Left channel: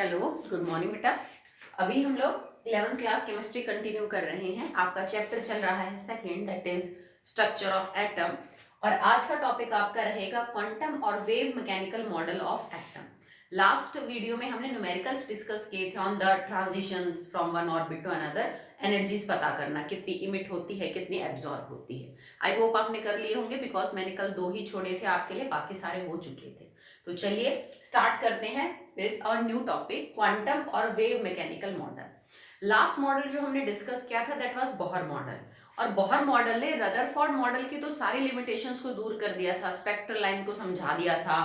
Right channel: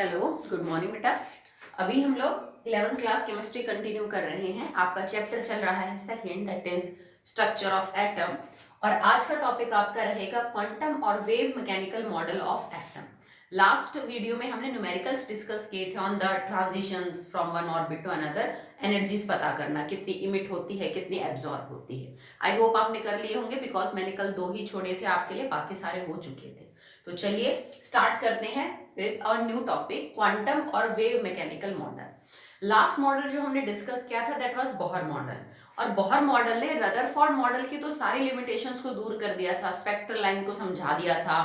Hello, good morning बेटा। अभी हम लोग 11th क्लास केमिस्ट्री कंटिन्यू कर रहे हैं। आपका चैप्टर चल रहा है second, that is structure of atom. और आज का टॉपिक आपका रहेगा क्वांटम और wave mechanical model of atom. Last video में हमने न्यूमेरिकल्स डिस्कस किए थे on the transitions from one orbit to another, energies पता करना, कितनी इमिट होती है, कितनी एब्जॉर्ब होती है। आई होप आपने कर लिए होंगे, बिकॉज मैंने कल 2 ही छोड़े थे आपके लिए, बाकी सारे हो चुके थे। तो चलिए स्टार्ट करते हैं विद और न्यू टॉपिक, क्वांटम और wave mechanical model. Last model जो हमने डिस्कस किया था दैट वाज बोहर मॉडल। और बोहर मॉडल ने रदरफोर्ड मॉडल की तो सारी लिमिटेशंस को दूर कर दिया था, स्पेक्ट्रल लाइन को समझा दिया था,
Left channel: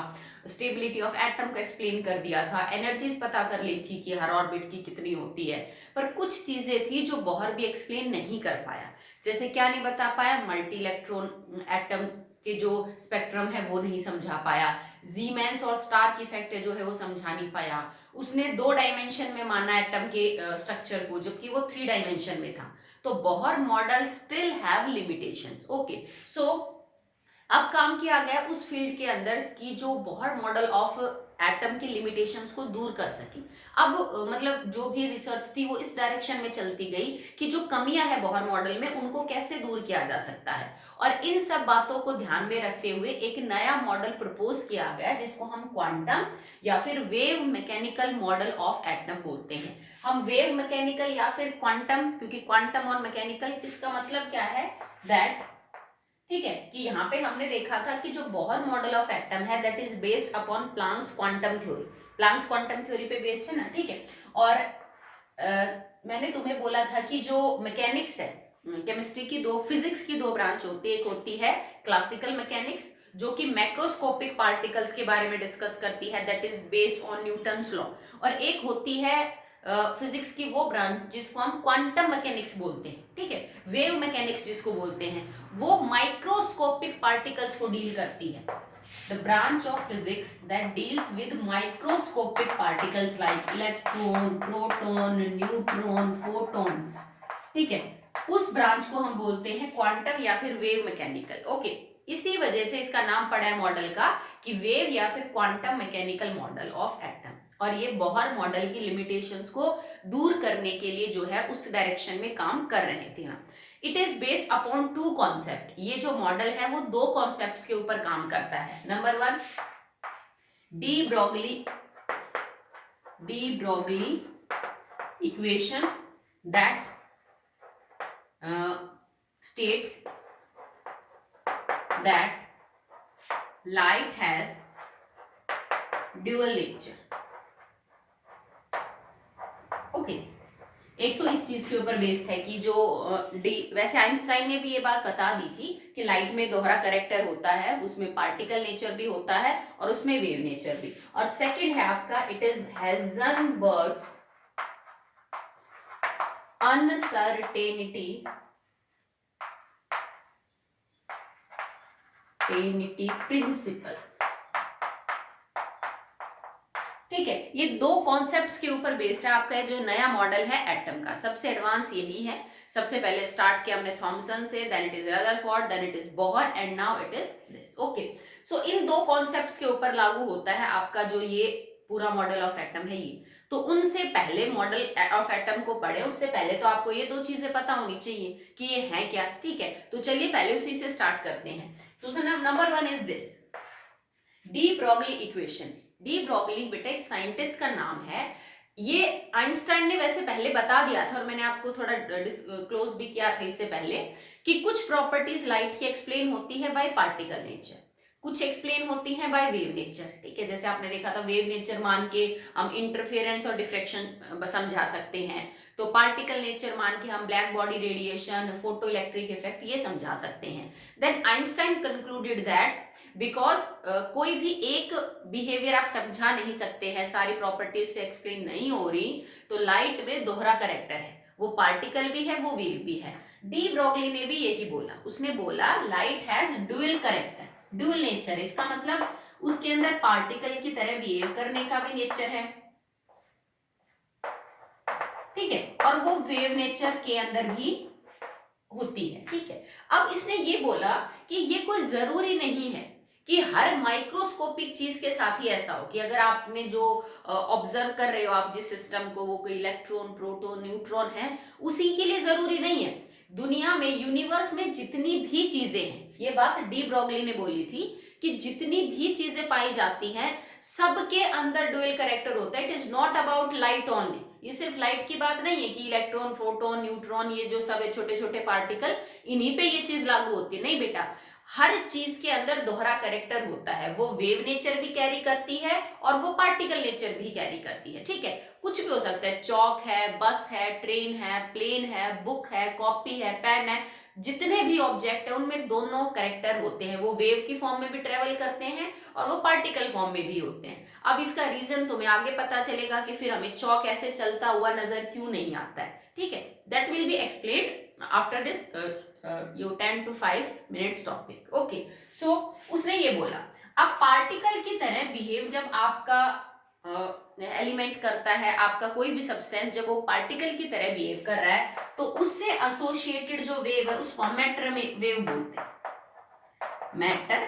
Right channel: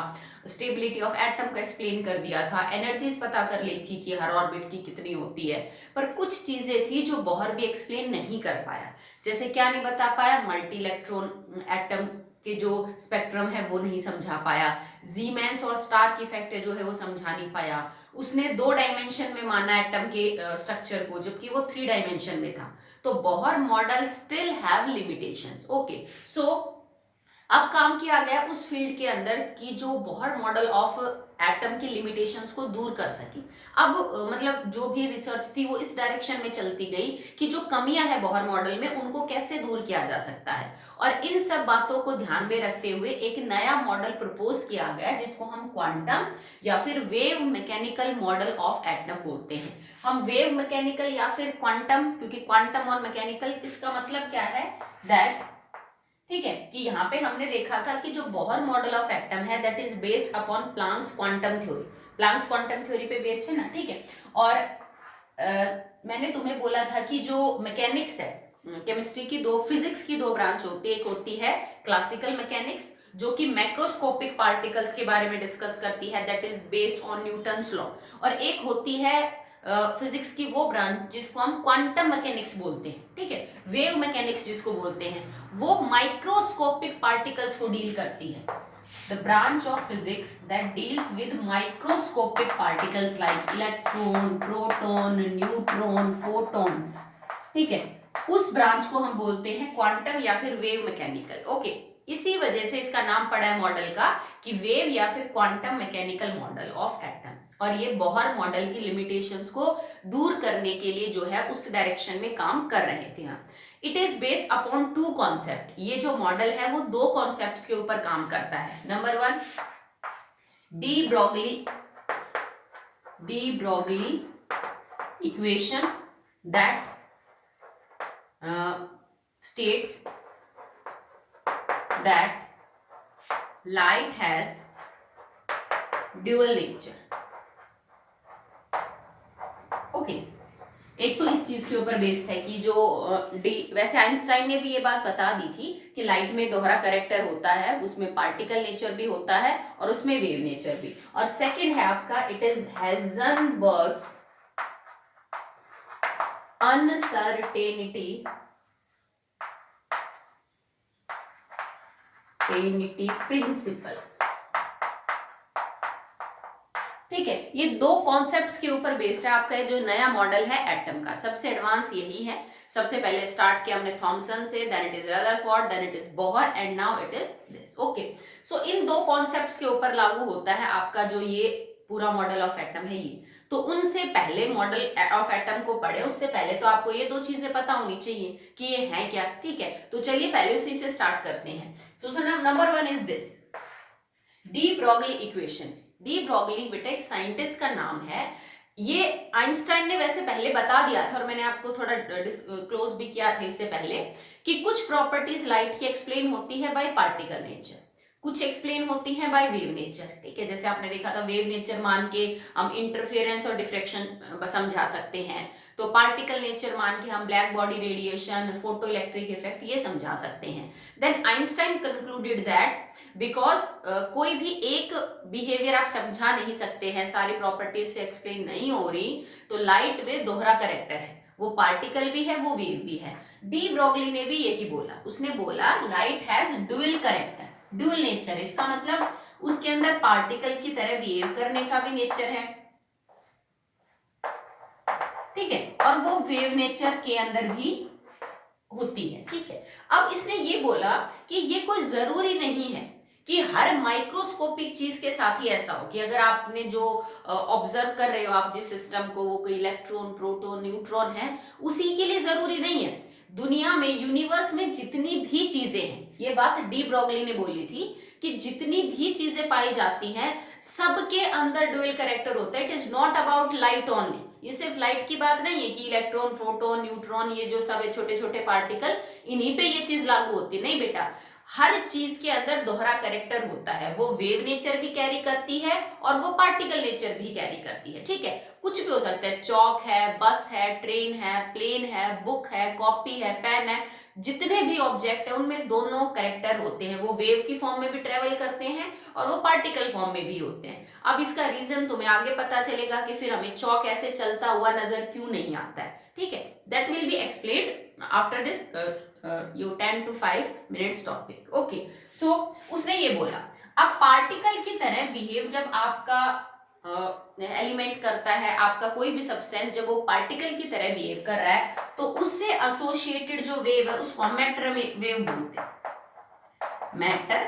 स्टेबिलिटी ऑफ एटम को एक्सप्लेन कर दिया था, एनर्जीज पता कर ली थी कि हर ऑर्बिट की कितनी होती है। पर कुछ चीजें थी जो बोहर भी एक्सप्लेन नहीं कर पाया। जैसे क्या नहीं बता पाया, मल्टी इलेक्ट्रॉन एटम के जो स्पेक्ट्रम है वो नहीं समझा पाया, जीमैन्स और स्टार इफेक्ट जो है वो समझा नहीं पाया। उसने 2 डायमेंशन में माना एटम के स्ट्रक्चर को, जबकि वो 3 डायमेंशन में था। तो Bohr model still have limitations. Okay, so अब काम किया गया उस फील्ड के अंदर कि जो बोहर मॉडल ऑफ एटम की लिमिटेशंस को दूर कर सके। अब मतलब जो भी रिसर्च थी वो इस डायरेक्शन में चलती गई कि जो कमियां है बोहर मॉडल में उनको कैसे दूर किया जा सकता है। और इन सब बातों को ध्यान में रखते हुए एक नया मॉडल प्रपोज किया गया जिसको हम क्वांटम या फिर wave mechanical model of atom बोलते हैं। हम वेव मैकेनिकल या फिर क्वांटम, क्योंकि क्वांटम और मैकेनिकल इसका मतलब क्या है दैट, ठीक है, कि यहाँ पे हमने देखा था कि जो बोहर मॉडल ऑफ एटम है that is based upon Planck's quantum theory. Planck's quantum theory पे बेस्ड है ना, ठीक है। और मैंने तुम्हें बोला था कि जो मैकेनिक्स है, केमिस्ट्री की फिजिक्स की 2 ब्रांच होती है। एक होती है क्लासिकल मैकेनिक्स जो कि मैक्रोस्कोपिक पार्टिकल्स के बारे में डिस्कस करती है, that is based on Newton's law. और एक होती है फिजिक्स की वो ब्रांच जिसको हम क्वांटम मैकेनिक्स बोलते हैं, ठीक है। वेव मैकेनिक्स जिसको बोलते हैं वो माइक्रोस्कोपिक पार्टिकल्स को डील करती है। The branch of physics that deals with microscopic particles like electron, proton, neutron, photons, ठीक है, उस ब्रांच को हम बोलते हैं क्वांटम या फिर वेव मैकेनिकल। ओके, इसी वजह से इसका नाम पड़ा है मॉडल का कि वेव या फिर quantum mechanical model of atom. और ये बोहर मॉडल की लिमिटेशंस को दूर करने के लिए जो है उस डायरेक्शन में काम कर रहे थे हम। It is based upon 2 concept. ये जो मॉडल है वो 2 कॉन्सेप्ट्स के ऊपर काम करता है। Number 1, D Broglie equation that states that light has dual nature. Okay, एक तो इस चीज के ऊपर बेस्ड है कि जो वैसे आइंस्टाइन ने भी ये बात बता दी थी कि लाइट में दोहरा कैरेक्टर होता है, उसमें पार्टिकल नेचर भी होता है और उसमें वेव नेचर भी। और सेकंड है आपका, इट इज हाइजेनबर्ग्स अनसर्टेनिटी प्रिंसिपल, ठीक है। ये 2 कॉन्सेप्ट्स के ऊपर बेस्ड है आपका जो नया मॉडल है एटम का। सबसे एडवांस यही है। सबसे पहले स्टार्ट किया हमने थॉमसन से, then it is Rutherford, then it is Bohr and now it is this. Okay, so in 2 concepts के ऊपर लागू होता है आपका जो ये पूरा मॉडल ऑफ एटम है ये। तो उनसे पहले मॉडल ऑफ एटम को पढ़े उससे पहले तो आपको ये 2 चीजें पता होनी चाहिए कि ये है क्या, ठीक है। तो चलिए पहले उसी से स्टार्ट करते हैं। तो number 1 is this, D Broglie equation. De Broglie बेटा एक साइंटिस्ट का नाम है। ये आइंस्टाइन ने वैसे पहले बता दिया था और मैंने आपको थोड़ा क्लोज भी किया था इससे पहले कि कुछ प्रॉपर्टीज लाइट की एक्सप्लेन होती है बाय पार्टिकल नेचर, कुछ एक्सप्लेन होती है बाय वेव नेचर, ठीक है। जैसे आपने देखा था वेव नेचर मान के हम इंटरफेरेंस और डिफ्रेक्शन समझा सकते हैं, तो पार्टिकल नेचर मान के हम black body radiation, photo electric effect ये समझा सकते हैं। Then Einstein concluded that because कोई भी एक बिहेवियर आप समझा नहीं सकते हैं, सारी प्रॉपर्टीज से एक्सप्लेन नहीं हो रही, तो लाइट में दोहरा कैरेक्टर है, वो पार्टिकल भी है वो वेव भी है। डी ब्रोगली ने भी यही बोला, उसने बोला light has dual character, dual nature. इसका मतलब उसके अंदर पार्टिकल की तरह बिहेव करने का भी नेचर है, ठीक है, और वो वेव नेचर के अंदर भी होती है, ठीक है। अब इसने ये बोला कि ये कोई जरूरी नहीं है कि हर माइक्रोस्कोपिक चीज के साथ ही ऐसा हो कि अगर आपने जो ऑब्जर्व कर रहे हो आप जिस सिस्टम को, वो कोई इलेक्ट्रॉन, प्रोटॉन, न्यूट्रॉन है, उसी के लिए जरूरी नहीं है। दुनिया में, यूनिवर्स में जितनी भी चीजें हैं, ये बात डी ब्रॉगली ने बोली थी कि जितनी भी चीजें पाई जाती हैं सबके अंदर डुअल कैरेक्टर होता है। It is not about light only. ये सिर्फ लाइट की बात नहीं है कि इलेक्ट्रॉन, प्रोटॉन, न्यूट्रॉन, ये जो सब है छोटे छोटे पार्टिकल, इन्हीं पे ये चीज लागू होती है, नहीं बेटा। हर चीज के अंदर दोहरा कैरेक्टर होता है। वो वेव नेचर भी कैरी करती है और वो पार्टिकल नेचर भी कैरी करती है, ठीक है। कुछ भी हो सकता है, चौक है, बस है, ट्रेन है, प्लेन है, बुक है, कॉपी है, पेन है, जितने भी ऑब्जेक्ट है उनमें दोनों कैरेक्टर होते हैं। वो वेव की फॉर्म में भी ट्रेवल करते हैं और वो पार्टिकल फॉर्म में भी होते हैं। अब इसका रीजन तुम्हें आगे पता चलेगा कि फिर हमें चौक ऐसे चलता हुआ नजर क्यों नहीं आता है, ठीक है। That will be explained after this your 10 to 5 minutes topic, okay। so उसने ये बोला, अब पार्टिकल की तरह बिहेव जब आपका एलिमेंट करता है, आपका कोई भी सब्सटेंस जब वो पार्टिकल की तरह बिहेव कर रहा है, तो उससे एसोसिएटेड जो वेव है उसको हम मैटर वेव बोलते हैं, मैटर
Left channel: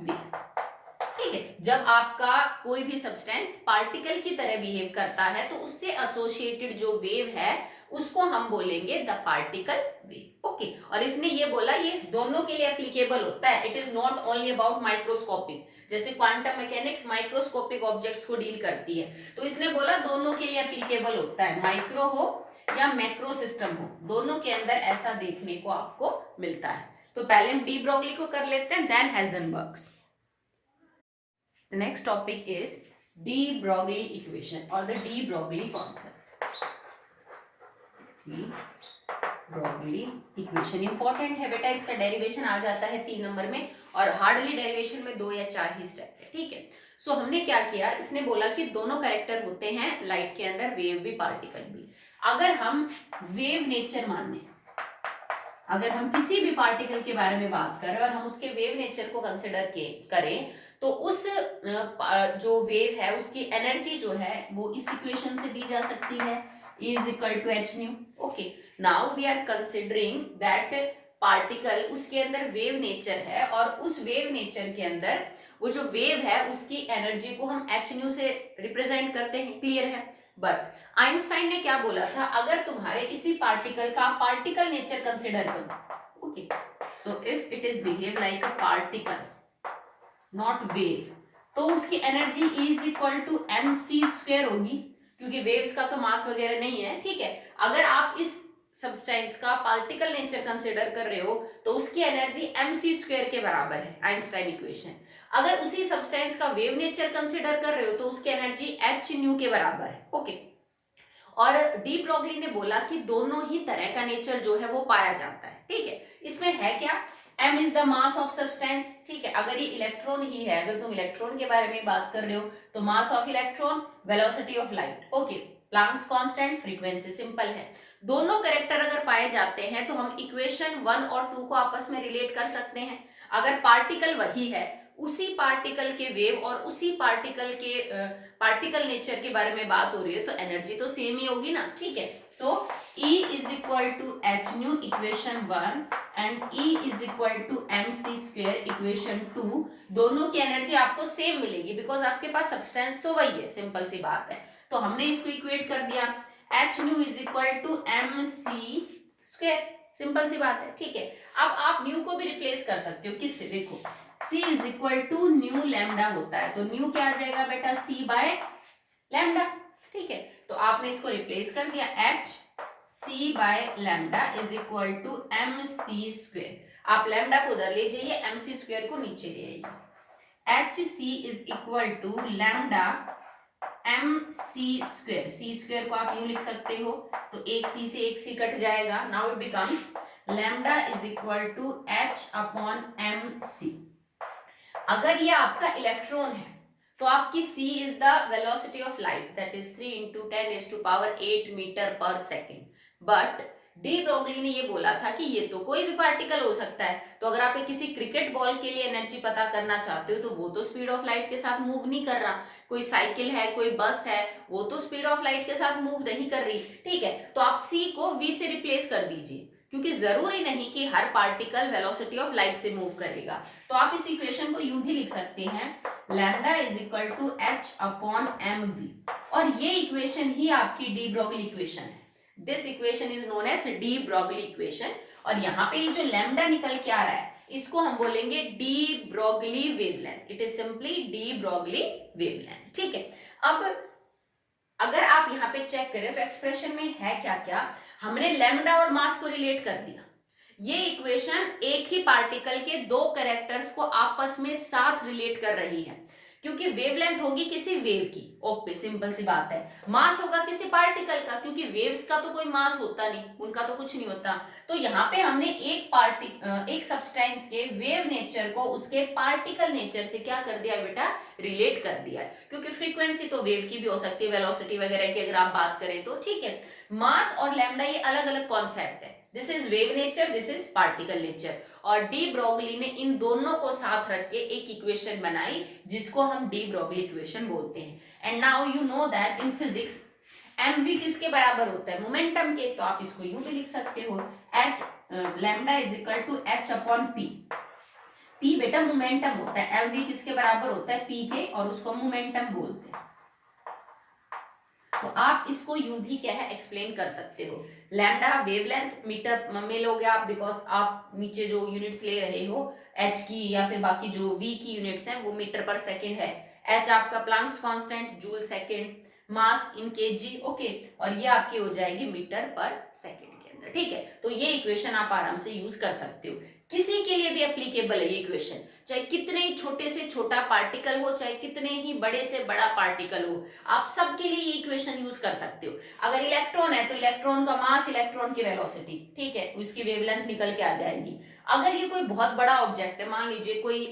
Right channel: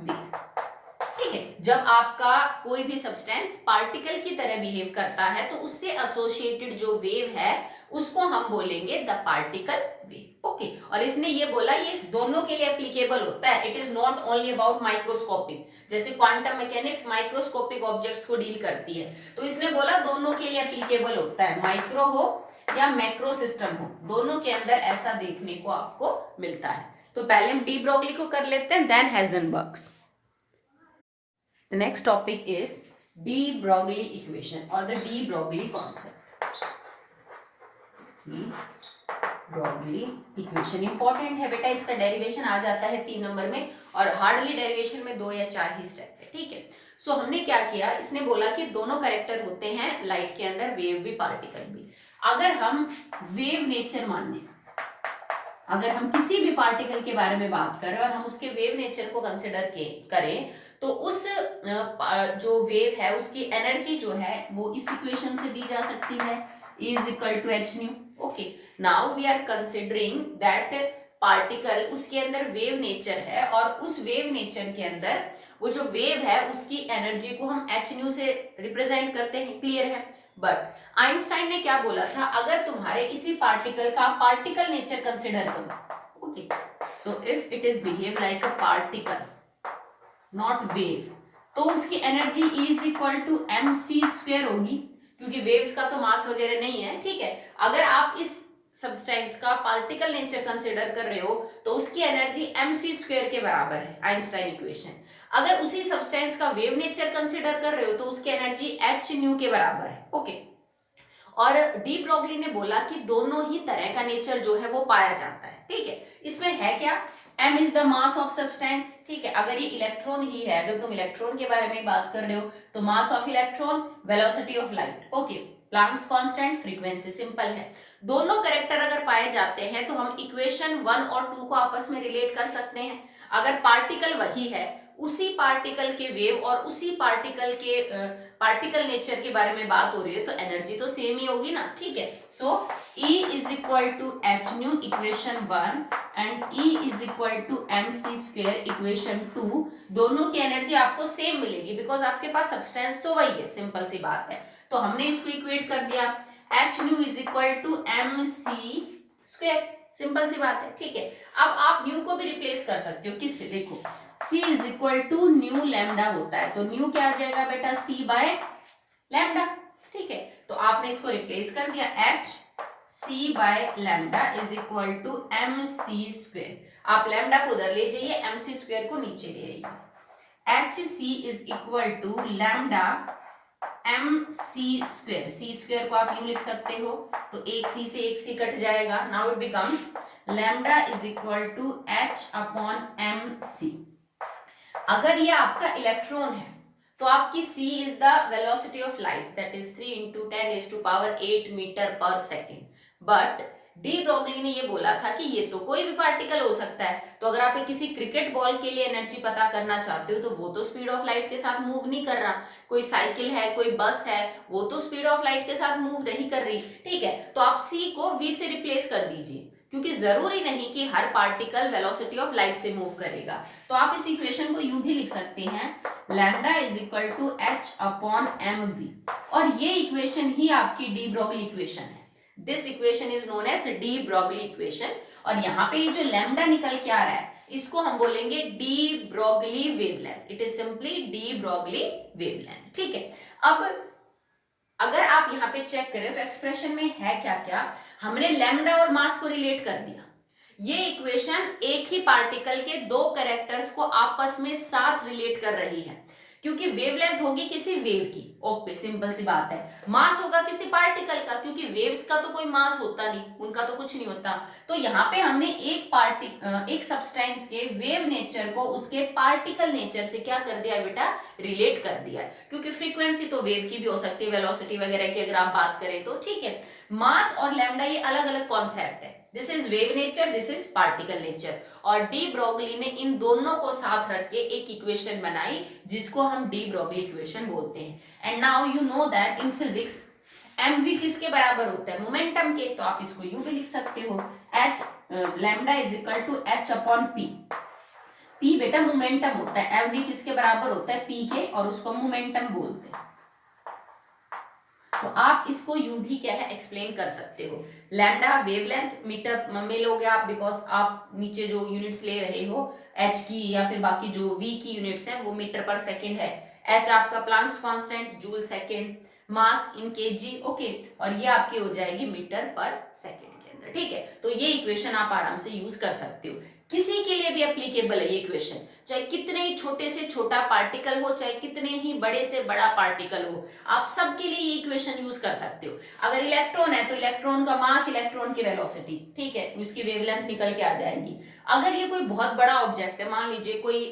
वेव, ठीक है। जब आपका कोई भी सब्सटेंस पार्टिकल की तरह बिहेव करता है तो उससे एसोसिएटेड जो वेव है उसको हम बोलेंगे द पार्टिकल वेव, ओके। और इसने ये बोला ये दोनों के लिए एप्लीकेबल होता है। It is not only about microscopic, जैसे क्वांटम मैकेनिक्स माइक्रोस्कोपिक ऑब्जेक्ट्स को डील करती है, तो इसने बोला दोनों के लिए एप्लीकेबल होता है, माइक्रो हो या मैक्रो सिस्टम हो, दोनों के अंदर ऐसा देखने को आपको मिलता है। तो पहले हम डी ब्रॉगली को कर लेते हैं, then हेजनबर्ग्स। The next topic is de Broglie equation or the de Broglie concept. de Broglie equation important है बेटा, इसका डेरिवेशन आ जाता है 3 नंबर में और हार्डली डेरिवेशन में 2 या 4 ही स्टेप है, ठीक है। सो हमने क्या किया, इसने बोला कि दोनों कैरेक्टर होते हैं लाइट के अंदर, वेव भी पार्टिकल भी। अगर हम वेव नेचर माने, अगर हम किसी भी पार्टिकल के बारे में बात करें और हम उसके वेव नेचर को कंसिडर करें तो उस जो वेव है उसकी एनर्जी जो है वो इस इक्वेशन से दी जा सकती है, is equal to h nu, okay. Now we are considering that particle, उसके अंदर वेव नेचर है और उस वेव नेचर के अंदर वो जो वेव है उसकी एनर्जी को हम एच न्यू से रिप्रेजेंट करते हैं, क्लियर है। बट आइंस्टाइन ने क्या बोला था, अगर तुम्हारे इसी पार्टिकल का पार्टिकल नेचर कंसिडर करो, okay, so if it is behave like a particle not wave, तो उसकी energy is equal to M C square होगी, क्योंकि वेव्स का तो मास वगैरह नहीं है, ठीक है। अगर आप इस सब्सटेंस का पार्टिकल नेचर कंसिडर कर रहे हो तो उसकी एनर्जी एम सी स्क्वेयर के बराबर है, आइंस्टाइन इक्वेशन। अगर उसी सब्सटेंस का वेव नेचर कंसिडर कर रहे हो तो उसकी एनर्जी एच न्यू के बराबर है, ओके। और डी ब्रॉगली ने बोला कि दोनों ही तरह का नेचर जो है वो पाया जाता है, ठीक है। इसमें है क्या, m is the mass of substance, ठीक है। अगर ये इलेक्ट्रॉन ही है, अगर तुम इलेक्ट्रॉन के बारे में बात कर रहे हो तो mass of electron, velocity of light, okay, Planck's constant, frequency, simple है। दोनों कैरेक्टर अगर पाए जाते हैं तो हम इक्वेशन 1 और 2 को आपस में रिलेट कर सकते हैं। अगर पार्टिकल वही है, उसी पार्टिकल के वेव और उसी पार्टिकल के पार्टिकल नेचर के बारे में बात हो रही है तो एनर्जी तो सेम ही होगी ना, ठीक है। So E is equal to h nu equation 1 and E is equal to M C square equation 2, दोनों की एनर्जी आपको सेम मिलेगी बिकॉज आपके पास सब्सटेंस तो वही है, सिंपल सी बात है। तो हमने इसको इक्वेट कर दिया, H nu is equal to M C square, simple सी बात है, ठीक है। अब आप न्यू को भी रिप्लेस कर सकते हो, किससे, देखो C is equal to nu lambda होता है, तो न्यू क्या आ जाएगा बेटा, C बाय लैम्डा, ठीक है। तो आपने इसको रिप्लेस कर दिया, H C by lambda is equal to M C square. आप लैम्डा को उधर ले जाइए, एम सी स्क्वेयर को नीचे ले आइए। H c is equal to lambda m C square, c square को आप यूं लिख सकते हो, तो एक सी से एक सी कट जाएगा, now it becomes lambda is equal to h upon M C. अगर ये आपका इलेक्ट्रॉन है तो आपकी c is the velocity of light, that is 3 × 10⁸ metre per second. But de Broglie ने ये बोला था कि ये तो कोई भी पार्टिकल हो सकता है, तो अगर आप किसी क्रिकेट बॉल के लिए एनर्जी पता करना चाहते हो तो वो तो स्पीड ऑफ लाइट के साथ मूव नहीं कर रहा, कोई साइकिल है, कोई बस है, वो तो स्पीड ऑफ लाइट के साथ मूव नहीं कर रही, ठीक है। तो आप c को v से रिप्लेस कर दीजिए, क्योंकि जरूरी नहीं कि हर पार्टिकल वेलोसिटी ऑफ लाइट से मूव करेगा। तो आप इस इक्वेशन को यूं भी लिख सकते हैं, lambda is equal to h upon m v, और ये इक्वेशन ही आपकी डी ब्रोगली इक्वेशन है। This equation is known as de Broglie equation. और यहाँ पे ये जो लैम्डा निकल के आ रहा है इसको हम बोलेंगे de Broglie wavelength. It is simply de Broglie wavelength. ठीक है, अब अगर आप यहाँ पे चेक करें तो एक्सप्रेशन में है क्या क्या, हमने लैम्डा और मास को रिलेट कर दिया। ये इक्वेशन एक ही पार्टिकल के दो कैरेक्टर्स को आपस में साथ रिलेट कर रही है, क्योंकि वेवलेंथ होगी किसी वेव की, ओके सिंपल सी बात है। मास होगा किसी पार्टिकल का, क्योंकि वेव्स का तो कोई मास होता नहीं, उनका तो कुछ नहीं होता। तो यहाँ पे हमने एक सब्सटेंस के वेव नेचर को उसके पार्टिकल नेचर से क्या कर दिया है बेटा, रिलेट कर दिया है। क्योंकि फ्रीक्वेंसी तो वेव की भी हो सकती है, वेलोसिटी वगैरह की अगर आप बात करें तो, ठीक है। मास और लैम्डा ये अलग अलग कॉन्सेप्ट है, this is wave nature, this is particle nature. और डी ब्रोगली ने इन दोनों को साथ रख के एक इक्वेशन बनाई जिसको हम डी ब्रोगली इक्वेशन बोलते हैं। And now you know that in physics mv किसके बराबर होता है, मोमेंटम के। तो आप इसको यूं भी लिख सकते हो, h lambda is equal to h upon p। p बेटा मोमेंटम होता है, mv किसके बराबर होता है, p के, और उसको मोमेंटम बोलते हैं। तो आप इसको यूं भी क्या है एक्सप्लेन कर सकते हो। लैम्डा वेवलेंथ मीटर में लोगे आप, बिकॉज आप नीचे जो यूनिट्स ले रहे हो एच की या फिर बाकी जो वी की यूनिट्स हैं वो मीटर पर सेकंड है। एच आपका प्लांक्स कांस्टेंट जूल सेकंड, मास इन केजी, ओके, और ये आपकी हो जाएगी मीटर पर सेकंड के अंदर। ठीक है, तो ये इक्वेशन आप आराम से यूज कर सकते हो। किसी के लिए भी एप्लीकेबल है ये इक्वेशन, चाहे कितने ही छोटे से छोटा पार्टिकल हो, चाहे कितने ही बड़े से बड़ा पार्टिकल हो, आप सबके लिए ये इक्वेशन यूज कर सकते हो। अगर इलेक्ट्रॉन है तो इलेक्ट्रॉन का मास, इलेक्ट्रॉन की वेलोसिटी, ठीक है, उसकी वेवलेंथ निकल के आ जाएगी। अगर ये कोई बहुत बड़ा ऑब्जेक्ट है, मान लीजिए कोई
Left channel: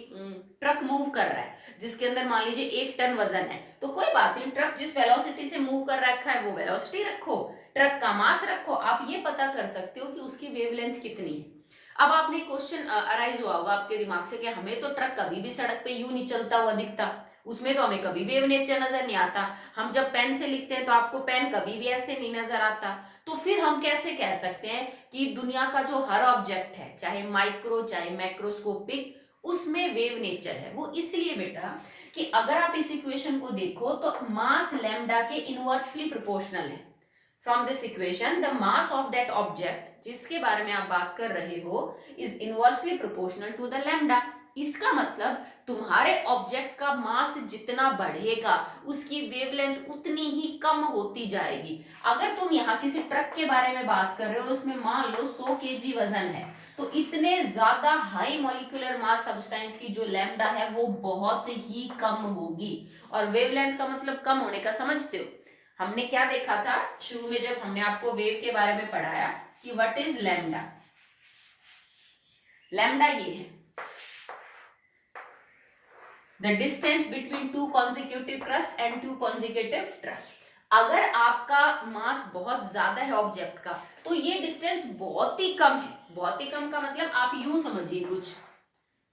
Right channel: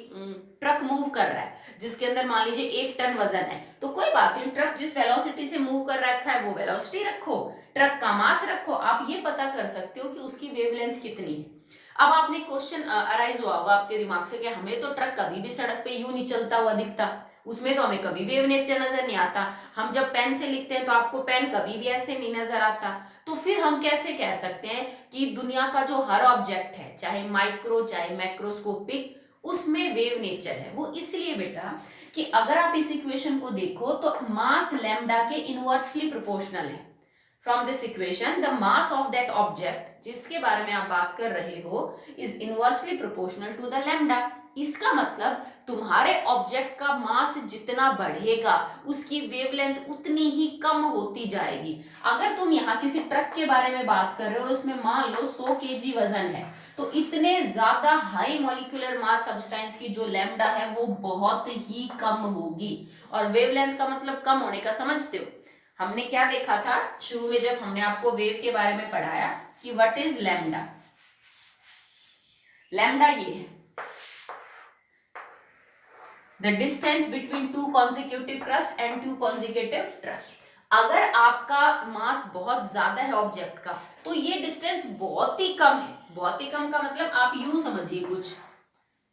ट्रक मूव कर रहा है जिसके अंदर मान लीजिए 1 टन वजन है, तो कोई बात नहीं, ट्रक जिस वेलोसिटी से मूव कर रखा है वो वेलोसिटी रखो, ट्रक का मास रखो, आप ये पता कर सकते हो कि उसकी वेवलेंथ कितनी है। अब आपने क्वेश्चन अराइज हुआ होगा आपके दिमाग से कि हमें तो ट्रक कभी भी सड़क पे यूं नहीं चलता हुआ दिखता, उसमें तो हमें कभी वेव नेचर नजर नहीं आता, हम जब पेन से लिखते हैं तो आपको पेन कभी भी ऐसे नहीं नजर आता। तो फिर हम कैसे कह सकते हैं कि दुनिया का जो हर ऑब्जेक्ट है, चाहे माइक्रो चाहे मैक्रोस्कोपिक, उसमें वेव नेचर है? वो इसलिए बेटा कि अगर आप इस इक्वेशन को देखो तो मास लैम्डा के इनवर्सली प्रोपोर्शनल है। From this equation the mass of that object जिसके बारे में आप बात कर रहे हो is inversely proportional to the lambda. इसका मतलब तुम्हारे ऑब्जेक्ट का मास जितना बढ़ेगा उसकी वेवलेंथ उतनी ही कम होती जाएगी। अगर तुम यहाँ किसी ट्रक के बारे में बात कर रहे हो और उसमें मान लो 100 केजी वजन है, तो इतने ज्यादा हाई मॉलिक्यूलर मास सब्सटेंस की जो लैम्डा है वो बहुत ही कम होगी। और वेवलेंथ का मतलब कम होने का समझते हो? हमने क्या देखा था शुरू में जब हमने आपको वेव के बारे में पढ़ाया कि व्हाट इज लैम्डा। लैम्डा ये है the distance between two consecutive crust and two consecutive trough. अगर आपका मास बहुत ज्यादा है ऑब्जेक्ट का तो ये डिस्टेंस बहुत ही कम है। बहुत ही कम का मतलब आप यूं समझिए, कुछ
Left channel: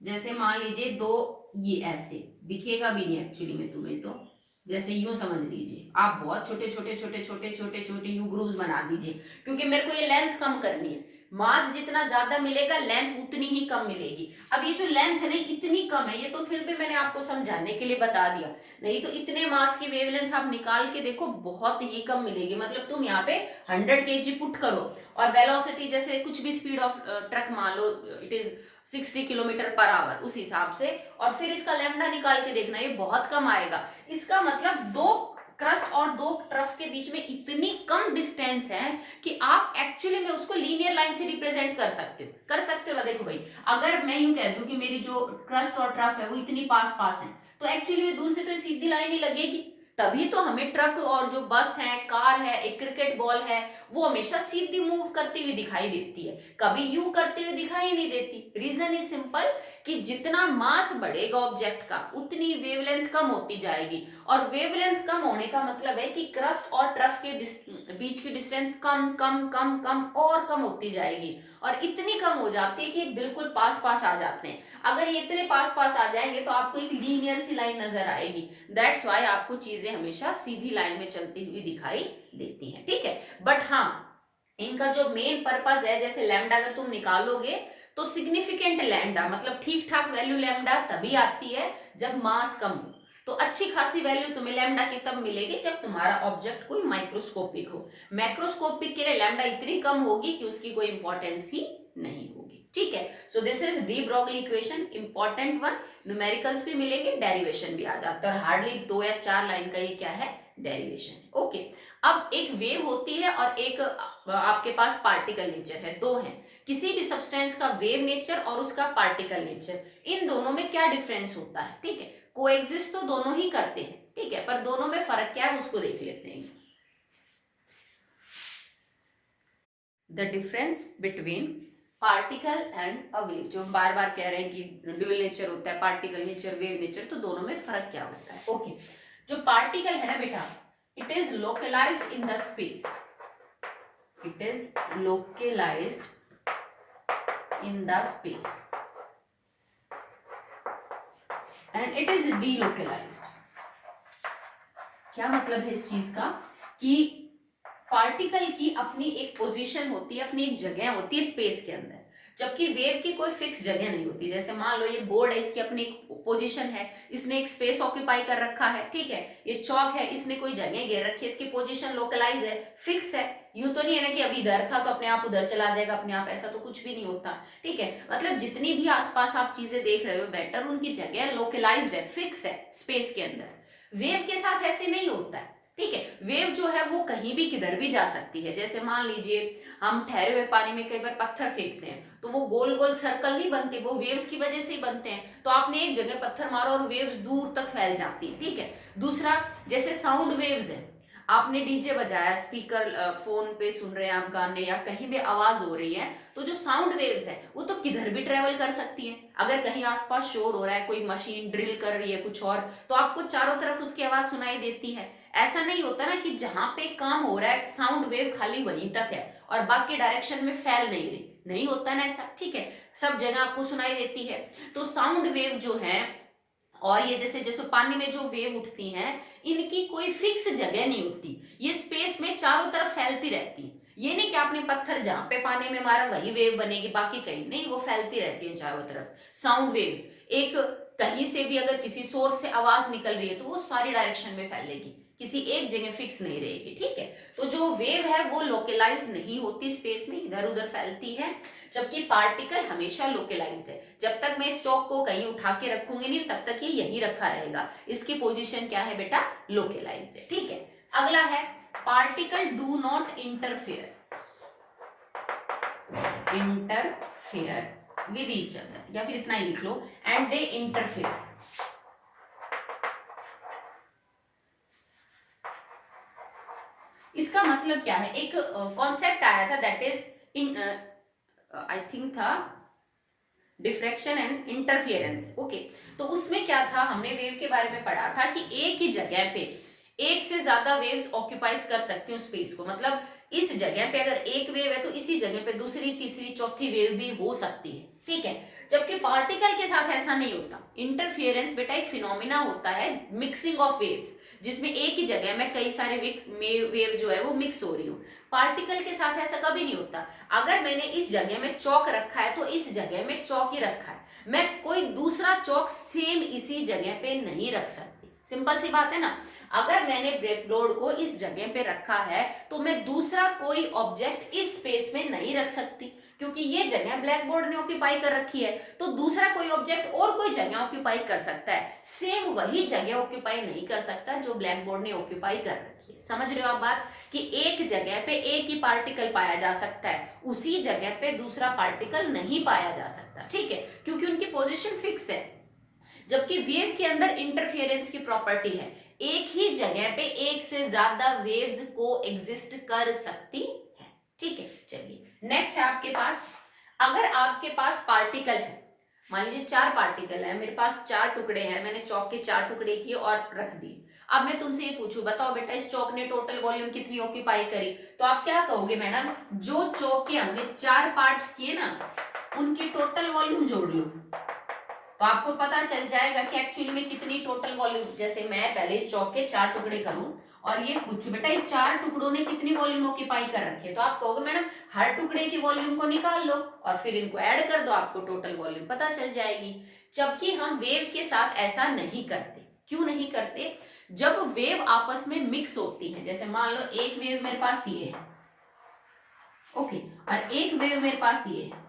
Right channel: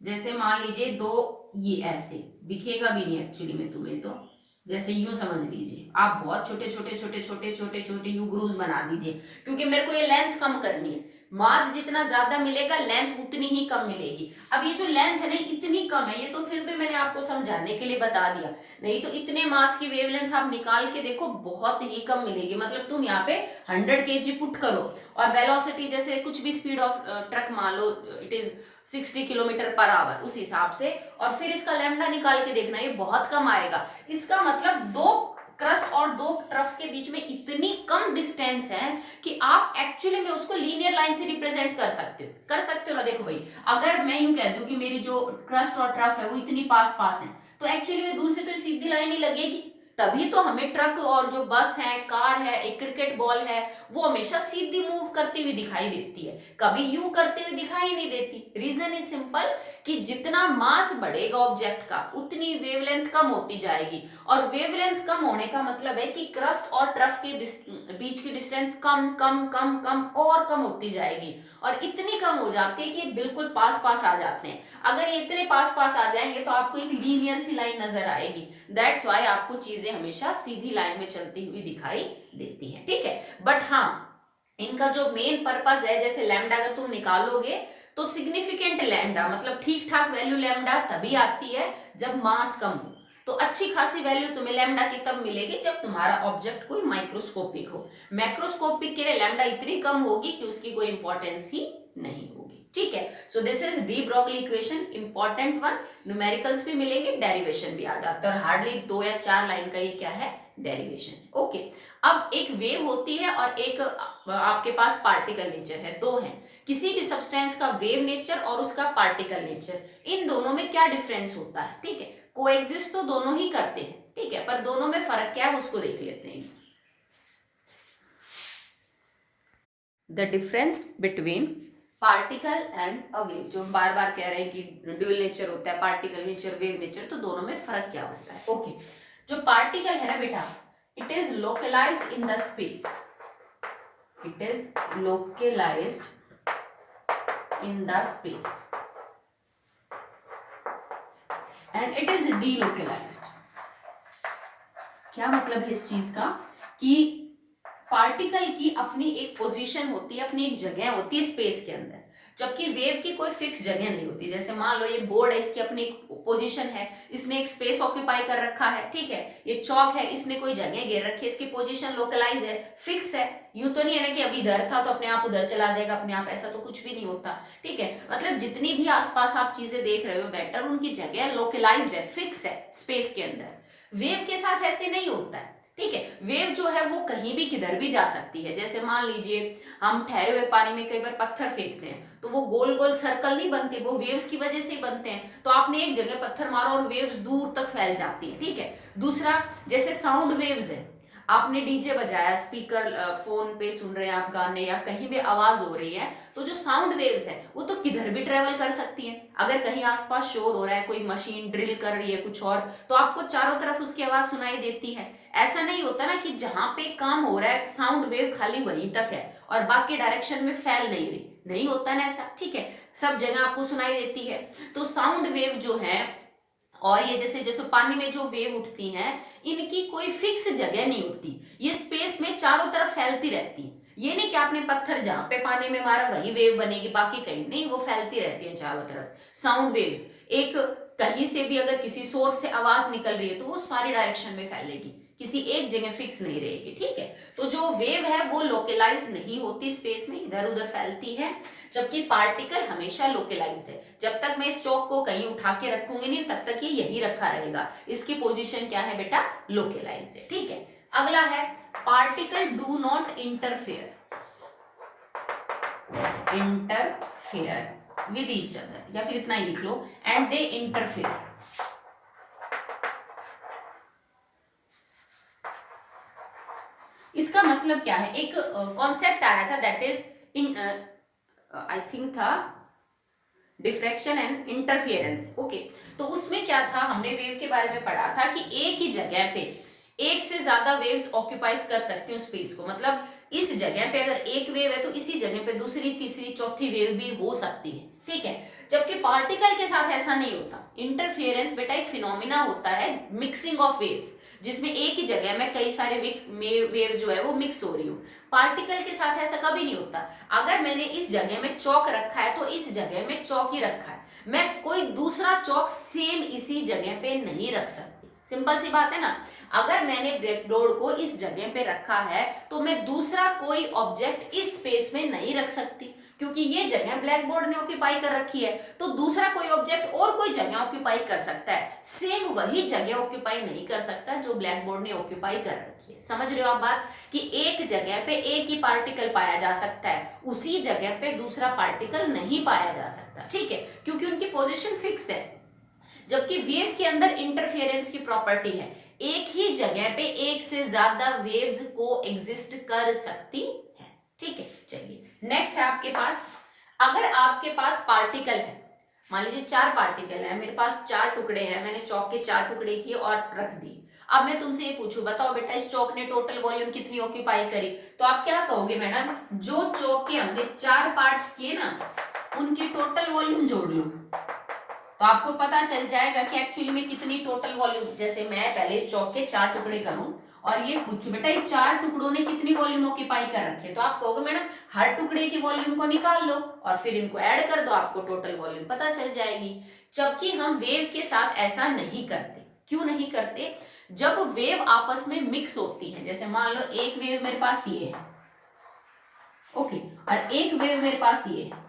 जैसे मान लीजिए दो, ये ऐसे दिखेगा भी नहीं एक्चुअली में तुम्हें, तो जैसे यूं समझ लीजिए, आप बहुत छोटे छोटे छोटे छोटे छोटे छोटे यू ग्रूव्स बना दीजिए, क्योंकि मेरे को ये लेंथ कम करनी है। मास जितना ज्यादा मिलेगा लेंथ उतनी ही कम मिलेगी। अब ये जो लेंथ है ना इतनी कम है, ये तो फिर भी मैंने आपको समझाने के लिए बता दिया, नहीं तो इतने मास की वेवलेंथ आप निकाल के देखो बहुत ही कम मिलेगी। मतलब तुम यहाँ पे 100 kg पुट करो और वेलोसिटी जैसे कुछ भी स्पीड ऑफ ट्रक मान लो it is 60 kilometre per hour, उस हिसाब से, और फिर इसका लैम्डा निकाल के देखना, ये बहुत कम आएगा। इसका मतलब दो क्रस्ट और दो ट्रफ के बीच में इतनी कम डिस्टेंस है कि आप एक्चुअली में उसको लीनियर लाइन से रिप्रेजेंट कर सकते हो ना। देखो भाई, अगर मैं यूं कह दूं कि मेरी जो क्रस्ट और ट्रफ है वो इतनी पास पास है, तो एक्चुअली में दूर से तो सीधी लाइन ही लगेगी। तभी तो हमें ट्रक और जो बस है, कार है, एक क्रिकेट बॉल है, वो हमेशा सीधी मूव करती हुई दिखाई देती है, कभी यूं करते हुए दिखाई नहीं देती। रीजन इज सिंपल कि जितना मास बढ़ेगा ऑब्जेक्ट का उतनी वेवलेंथ कम होती जाएगी, और वेवलेंथ कम होने का मतलब है कि क्रस्ट और ट्रफ के बीच की डिस्टेंस कम कम कम कम और कम होती जाएगी, और इतनी कम हो जाती है कि बिल्कुल पास पास आ जाते हैं। अगर ये इतने पास पास आ जाएंगे तो आपको एक लीनियर सी लाइन नजर आएगी। दैट्स वाई आपको चीजें हमेशा सीधी लाइन में चलती हुई दिखाई देती हैं, ठीक है। बट हाँ, इनका जो मेन पर्पस है, जैसे लैम्डा अगर तुम निकालोगे तो सिग्निफिकेंट लैम्डा मतलब ठीक ठाक वैल्यू लैम्डा तभी आती है जब मास कम हो। तो अच्छी खासी वैल्यू तुम्हें लैम्डा की तब मिलेगी जब तुम्हारा ऑब्जेक्ट कोई माइक्रोस्कोपिक हो। मैक्रोस्कोपिक के लिए लैम्डा इतनी कम होगी कि उसकी कोई इंपॉर्टेंस ही नहीं होगी। ठीक है, so this is D Broglie equation, important one. Numericals भी मिलेंगे, डेरिवेशन भी आ जाता है, और हार्डली 2 या 4 लाइन का ये क्या है, डेरिवेशन। ओके, अब एक वेव होती है और एक आपके पास पार्टिकल नेचर है, दो है। किसी भी सब्सटेंस का वेव नेचर और उसका पार्टिकल नेचर, इन दोनों में क्या डिफरेंस होता है? ठीक है, कोएग्जिस्ट तो दोनों ही करते हैं, ठीक है, पर दोनों में फर्क क्या है उसको देख लेते हैं। The difference between particle and a wave, जो बार बार कह रहे हैं कि ड्यूअल नेचर होता है, पार्टिकल नेचर, वेव नेचर, तो दोनों में फर्क क्या होता है? ओके, जो पार्टिकल है ना बेटा, it is localised in the space, it is localised in the space and it is delocalized। क्या मतलब है इस चीज का कि पार्टिकल की अपनी एक पोजीशन होती है, अपनी एक जगह होती है स्पेस के अंदर, जबकि वेव की कोई फिक्स जगह नहीं होती। जैसे मान लो ये बोर्ड है, इसकी अपनी एक पोजीशन है, इसने एक स्पेस ऑक्यूपाई कर रखा है, ठीक है। ये चौक है, इसने कोई जगह घेर रखी है, इसकी पोजीशन लोकलाइज है, फिक्स है। यूं तो नहीं है ना कि अभी इधर था तो अपने आप उधर चला जाएगा अपने आप, ऐसा तो कुछ भी नहीं होता, ठीक है। मतलब जितनी भी आसपास आप चीजें देख रहे हो बेटर, उनकी जगह लोकलाइज्ड है, फिक्स है स्पेस के अंदर। वेव के साथ ऐसे नहीं होता है, ठीक है। वेव जो है वो कहीं भी किधर भी जा सकती है। जैसे मान लीजिए हम ठहरे हुए पानी में कई बार पत्थर फेंकते हैं तो वो गोल गोल सर्कल नहीं बनते, वो वेव्स की वजह से ही बनते हैं। तो आपने एक जगह पत्थर मारा और वेव्स दूर तक फैल जाती है, ठीक है। दूसरा, जैसे साउंड वेव्स है, आपने डीजे बजाया, स्पीकर फोन पे सुन रहे हैं आप गाने, या कहीं भी आवाज हो रही है, तो जो साउंड वेव्स है वो तो किधर भी ट्रेवल कर सकती है। अगर कहीं आसपास शोर हो रहा है, कोई मशीन ड्रिल कर रही है कुछ और, तो आपको चारों तरफ उसकी आवाज सुनाई देती है। ऐसा नहीं होता ना कि जहां पे काम हो रहा है साउंड वेव खाली वहीं तक है और बाकी डायरेक्शन में फैल नहीं रही, नहीं होता ना ऐसा, ठीक है। सब जगह आपको सुनाई देती है। तो साउंड वेव जो है, और ये जैसे जैसे पानी में जो वेव उठती हैं, इनकी कोई फिक्स जगह नहीं होती, ये स्पेस में चारों तरफ फैलती रहती है। ये नहीं कि आपने पत्थर जहां पे पानी में मारा वही वेव बनेगी, बाकी कहीं नहीं, वो फैलती रहती है चारों तरफ। साउंड वेव्स एक कहीं से भी अगर किसी सोर्स से आवाज निकल रही है तो वो सारी डायरेक्शन में फैलेगी, किसी एक जगह फिक्स नहीं रहेगी, ठीक है। तो जो वेव है वो लोकलाइज्ड नहीं होती स्पेस में, इधर उधर फैलती है, जबकि पार्टिकल हमेशा लोकलाइज्ड है। जब तक मैं इस चौक को कहीं उठा के रखूंगी नहीं तब तक ये यही रखा रहेगा, इसकी पोजीशन क्या है बेटा, लोकलाइज्ड है, ठीक है। अगला है particle do not interfere with each other, या फिर इतना ही लिख लो, एंड दे इंटरफेयर। इसका मतलब क्या है, एक कॉन्सेप्ट आया था दैट इज आई थिंक था डिफ्रैक्शन एंड इंटरफियरेंस। ओके, तो उसमें क्या था, हमने वेव के बारे में पढ़ा था कि एक ही जगह पे एक से ज्यादा वेव्स ऑक्यूपाइज कर सकती हूँ स्पेस को। मतलब इस जगह पे अगर एक वेव है तो इसी जगह पे दूसरी तीसरी चौथी वेव भी हो सकती है, ठीक है। जबकि पार्टिकल के साथ ऐसा नहीं होता। इंटरफियरेंस बेटा एक फिनोमिना होता है, मिक्सिंग ऑफ वेव्स, जिसमें एक ही जगह में कई सारे वेव जो है वो मिक्स हो रही हो। पार्टिकल के साथ ऐसा कभी नहीं होता। अगर मैंने इस जगह में चौक रखा है तो इस जगह में चौक ही रखा है, मैं कोई दूसरा चौक सेम इसी जगह पे नहीं रख सकती। सिंपल सी बात है ना। अगर मैंने ब्लैकबोर्ड को इस जगह पे रखा है तो मैं दूसरा कोई ऑब्जेक्ट इस स्पेस में नहीं रख सकती, क्योंकि ये जगह ब्लैक बोर्ड ने ऑक्यूपाई कर रखी है। तो दूसरा कोई ऑब्जेक्ट और कोई जगह ऑक्यूपाई कर सकता है, सेम वही जगह ऑक्यूपाई नहीं कर सकता जो ब्लैक बोर्ड ने ऑक्यूपाई कर रखी है। समझ रहे हो आप बात, कि एक जगह पे एक ही पार्टिकल पाया जा सकता है, उसी जगह पे दूसरा पार्टिकल नहीं पाया जा सकता, ठीक है, क्योंकि उनकी पोजिशन फिक्स है। जबकि वेव के अंदर इंटरफेरेंस की प्रॉपर्टी है, एक ही जगह पे एक से ज्यादा वेव्स को एग्जिस्ट कर सकती है, ठीक है। चलिए नेक्स्ट है आपके पास, अगर आपके पास पार्टिकल है, मान लीजिए 4 पार्टिकल है, मेरे पास 4 टुकड़े हैं, मैंने चौक के 4 टुकड़े किए और रख दिए। अब मैं तुमसे ये पूछूं, बताओ बेटा इस चौक ने टोटल वॉल्यूम कितनी ऑक्यूपाई करी? तो आप क्या कहोगे मैडम, जो चौक के हमने 4 पार्ट्स किए ना उनकी टोटल वॉल्यूम जोड़ लो, तो आपको पता चल जाएगा कि एक्चुअली में कितनी टोटल वॉल्यूम। जैसे मैं पहले इस चौक के 4 टुकड़े करूं और ये कुछ बेटा ये 4 टुकड़ों ने कितनी वॉल्यूम ऑक्यूपाई कर रखे, तो आप कहोगे मैडम हर टुकड़े की वॉल्यूम को निकाल लो और फिर इनको ऐड कर दो, आपको टोटल वॉल्यूम पता चल जाएगी। जबकि हम वेव के साथ ऐसा नहीं करते। क्यों नहीं करते? जब वेव आपस में मिक्स होती है, जैसे मान लो एक वेव मेरे पास ये है, ओके, और एक वेव मेरे पास ये है,